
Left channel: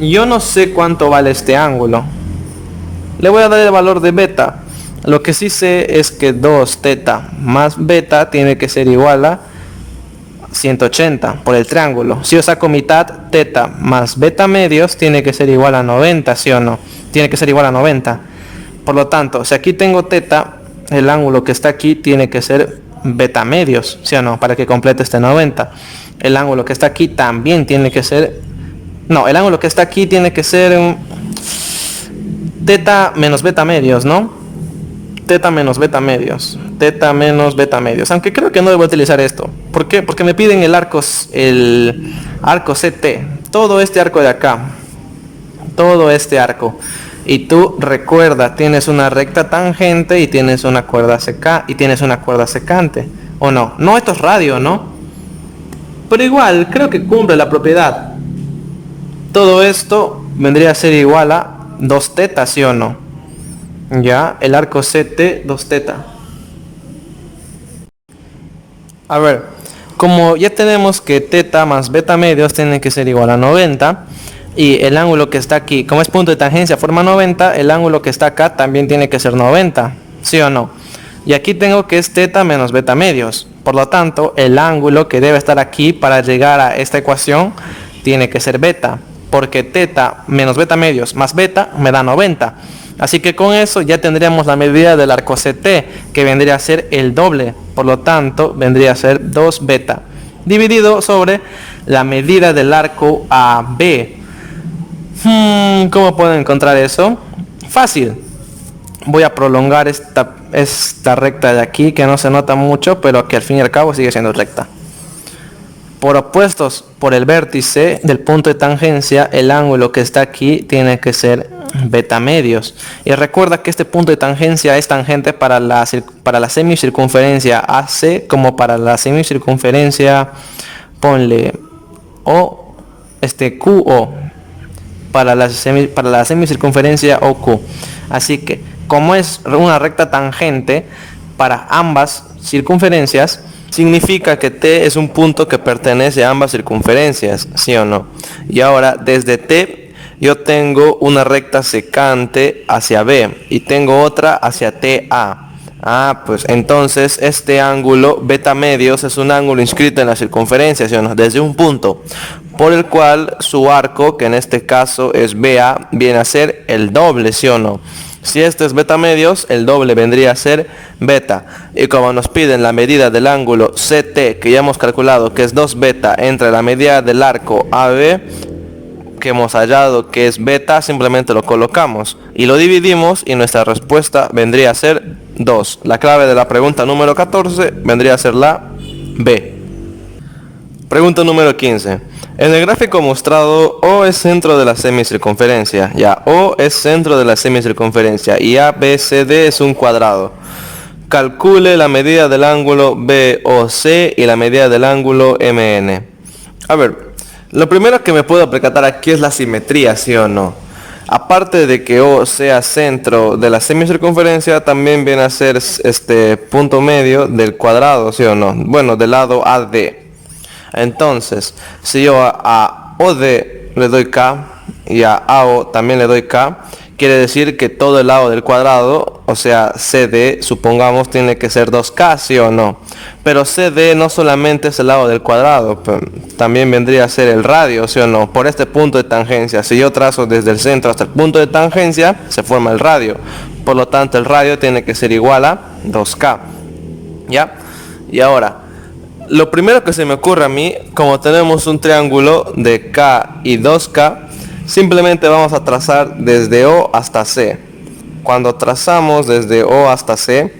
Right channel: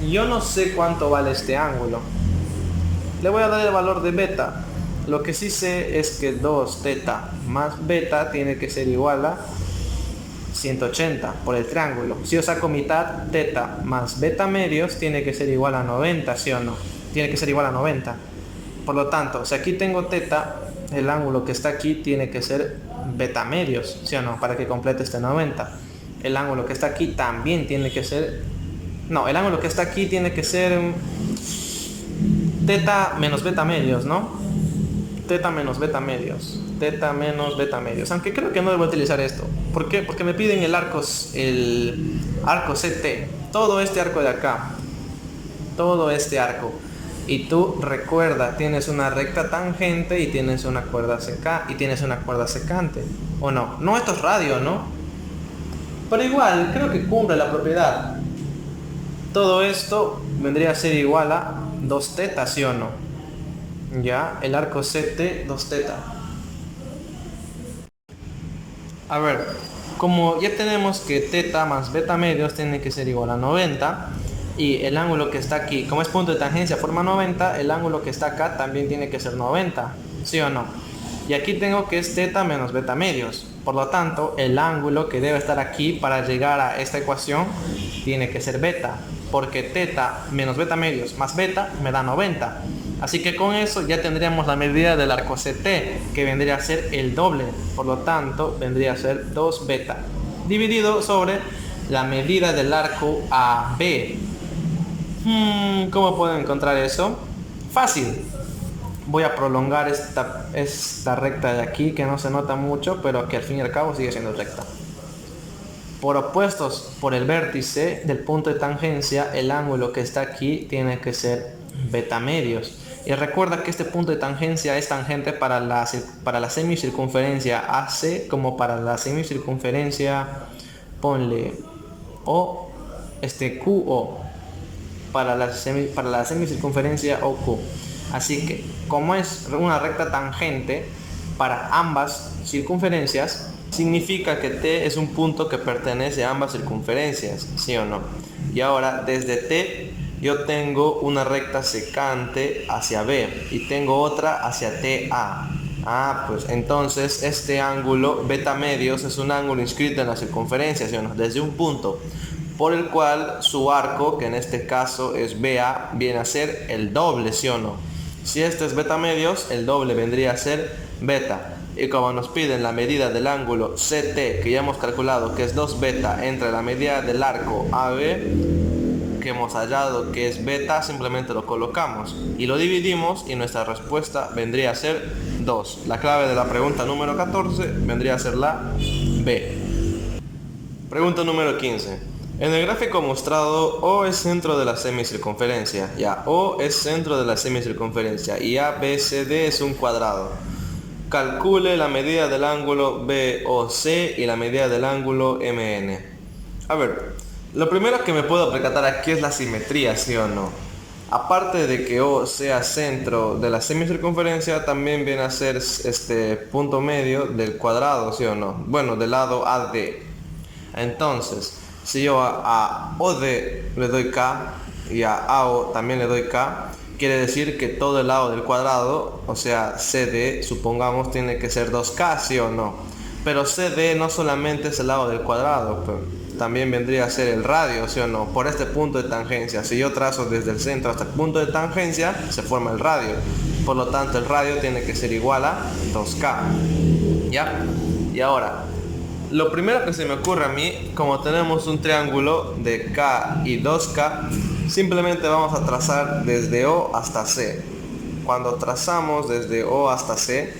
yo no sé cuánto vale este ángulo. Le voy a dar el valor de beta. Lo que sí sé es que 2 teta más beta tiene que ser igual a 180 por el triángulo. Si yo saco mitad, teta más beta medios tiene que ser igual a 90, ¿sí o no? Tiene que ser igual a 90. Por lo tanto, si aquí tengo teta, el ángulo que está aquí tiene que ser beta medios, ¿sí o no? Para que complete este 90. El ángulo que está aquí también tiene que ser... No, el ángulo que está aquí tiene que ser teta menos beta medios, ¿no? Teta menos beta medios. Teta menos beta medios. Aunque creo que no debo utilizar esto. ¿Por qué? Porque me piden el arco CT. Todo este arco de acá. Todo este arco. Y tú recuerda, tienes una recta tangente y tienes una cuerda secante. ¿O no? No, esto es radio, ¿no? Pero igual, creo que cumple la propiedad. Todo esto vendría a ser igual a 2 tetas, ¿sí o no? Ya, el arco CT, 2 teta. A ver, como ya tenemos que teta más beta medios tiene que ser igual a 90. Y el ángulo que está aquí, como es punto de tangencia, forma 90, el ángulo que está acá también tiene que ser 90, ¿sí o no? Y aquí tengo que es teta menos beta medios. Por lo tanto, el ángulo que debe estar aquí para llegar a esta ecuación tiene que ser beta, porque teta menos beta medios más beta me da 90. Así que con eso ya tendríamos la medida del arco CT, que vendría a ser el doble. Por lo tanto, vendría a ser 2 beta, dividido sobre la medida del arco AB. ¿Cómo puedo encontrar eso? Fácil. Voy a prolongar esta recta de aquí, que no se nota mucho, pero que al fin y al cabo sigue siendo recta. Por opuestos por el vértice del punto de tangencia, el ángulo que está aquí tiene que ser beta medios. Y recuerda que este punto de tangencia es tangente para la semicircunferencia AC como para la semicircunferencia, ponle QO. Para la semicircunferencia OQ. Así que como es una recta tangente para ambas circunferencias, significa que T es un punto que pertenece a ambas circunferencias, ¿sí o no? Y ahora desde T yo tengo una recta secante hacia B y tengo otra hacia TA. Pues entonces este ángulo beta medios es un ángulo inscrito en la circunferencia, ¿sí o no? Desde un punto por el cual su arco, que en este caso es BA, viene a ser el doble, ¿sí o no? Si este es beta medios, el doble vendría a ser beta. Y como nos piden la medida del ángulo CT, que ya hemos calculado que es 2 beta entre la medida del arco AB, que hemos hallado que es beta, simplemente lo colocamos y lo dividimos y nuestra respuesta vendría a ser 2. La clave de la pregunta número 14 vendría a ser la B. Pregunta número 15. En el gráfico mostrado, O es centro de la semicircunferencia. Ya, O es centro de la semicircunferencia y ABCD es un cuadrado. Calcule la medida del ángulo BOC y la medida del ángulo MN. A ver, lo primero que me puedo percatar aquí es la simetría, ¿sí o no? Aparte de que O sea centro de la semicircunferencia, también viene a ser este punto medio del cuadrado, ¿sí o no? Bueno, del lado AD. Entonces, si yo a OD le doy K y a AO también le doy K, quiere decir que todo el lado del cuadrado, o sea CD, supongamos, tiene que ser 2K, ¿sí o no? Pero CD no solamente es el lado del cuadrado, también vendría a ser el radio, ¿sí o no? Por este punto de tangencia, si yo trazo desde el centro hasta el punto de tangencia, se forma el radio. Por lo tanto, el radio tiene que ser igual a 2K. ¿Ya? Y ahora, lo primero que se me ocurre a mí, como tenemos un triángulo de K y 2K, simplemente vamos a trazar desde O hasta C. Cuando trazamos desde O hasta C,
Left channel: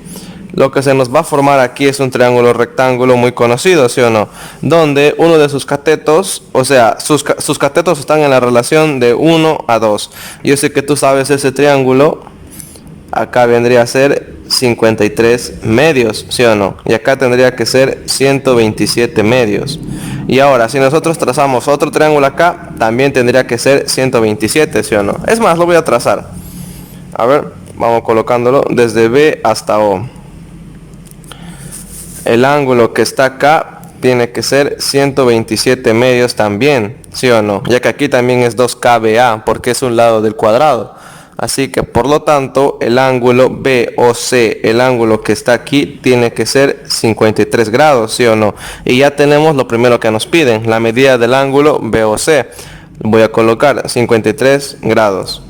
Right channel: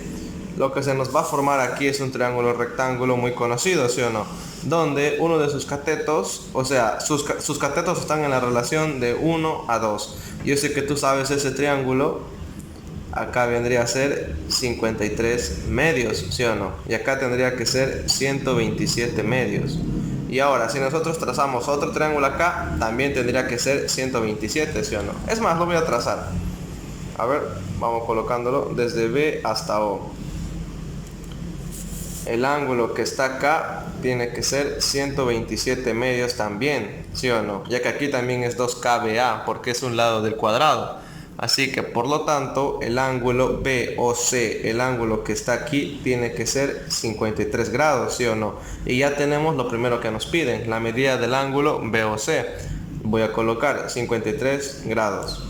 lo que se nos va a formar aquí es un triángulo rectángulo muy conocido, ¿sí o no? Donde uno de sus catetos, o sea, sus catetos están en la relación de 1 a 2. Yo sé que tú sabes ese triángulo. Acá vendría a ser 53 medios, ¿sí o no? Y acá tendría que ser 127 medios. Y ahora, si nosotros trazamos otro triángulo acá, también tendría que ser 127, ¿sí o no? Es más, lo voy a trazar. A ver, vamos colocándolo desde B hasta O. El ángulo que está acá tiene que ser 127 medios también, ¿sí o no? Ya que aquí también es 2KBA, porque es un lado del cuadrado. Así que por lo tanto el ángulo BOC, el ángulo que está aquí, tiene que ser 53 grados, ¿sí o no? Y ya tenemos lo primero que nos piden, la medida del ángulo BOC. Voy a colocar 53 grados.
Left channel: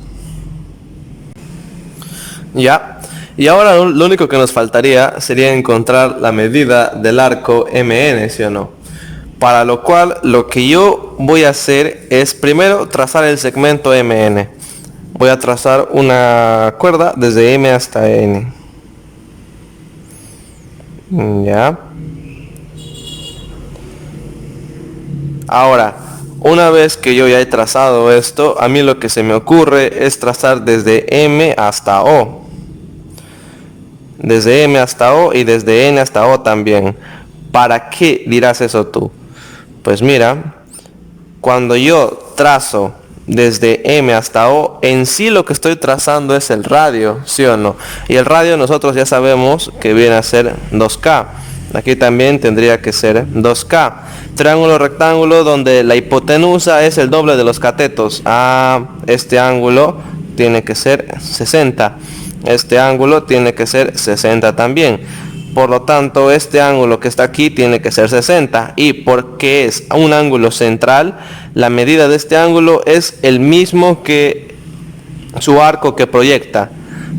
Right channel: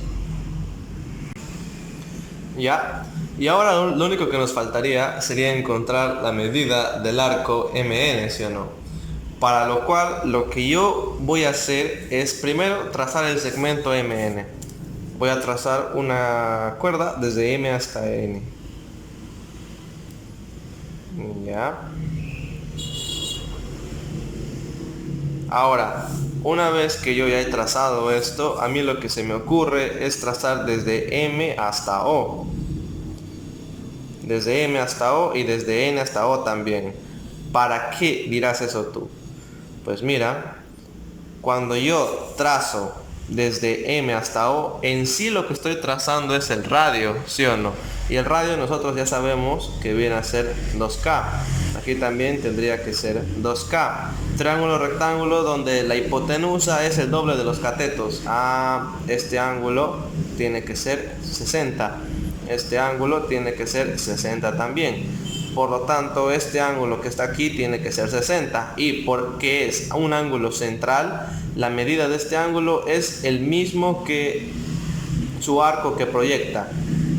Ya. Y ahora lo único que nos faltaría sería encontrar la medida del arco MN, ¿sí o no? Para lo cual lo que yo voy a hacer es primero trazar el segmento MN. Voy a trazar una cuerda desde M hasta N. Ya. Ahora, una vez que yo ya he trazado esto, a mí lo que se me ocurre es trazar desde M hasta O. Desde M hasta O y desde N hasta O también. ¿Para qué dirás eso tú? Pues mira, cuando yo trazo desde M hasta O, en sí lo que estoy trazando es el radio, ¿sí o no? Y el radio nosotros ya sabemos que viene a ser 2K. Aquí también tendría que ser 2K. Triángulo rectángulo donde la hipotenusa es el doble de los catetos. Este ángulo tiene que ser 60. Este ángulo tiene que ser 60 también. Por lo tanto, este ángulo que está aquí tiene que ser 60. Y porque es un ángulo central, la medida de este ángulo es el mismo que su arco que proyecta.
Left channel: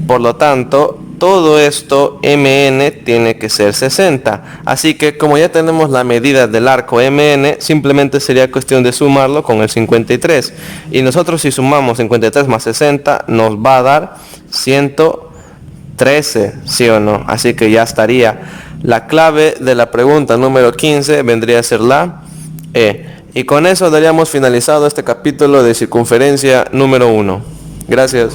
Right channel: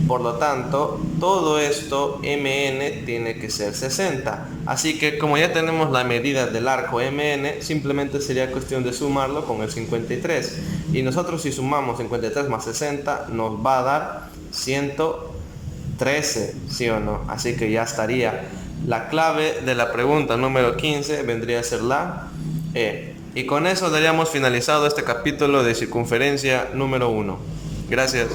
Por lo tanto, todo esto MN tiene que ser 60. Así que como ya tenemos la medida del arco MN, simplemente sería cuestión de sumarlo con el 53. Y nosotros si sumamos 53 más 60 nos va a dar 113, ¿sí o no? Así que ya estaría. La clave de la pregunta número 15 vendría a ser la E. Y con eso daríamos finalizado este capítulo de circunferencia número 1. Gracias.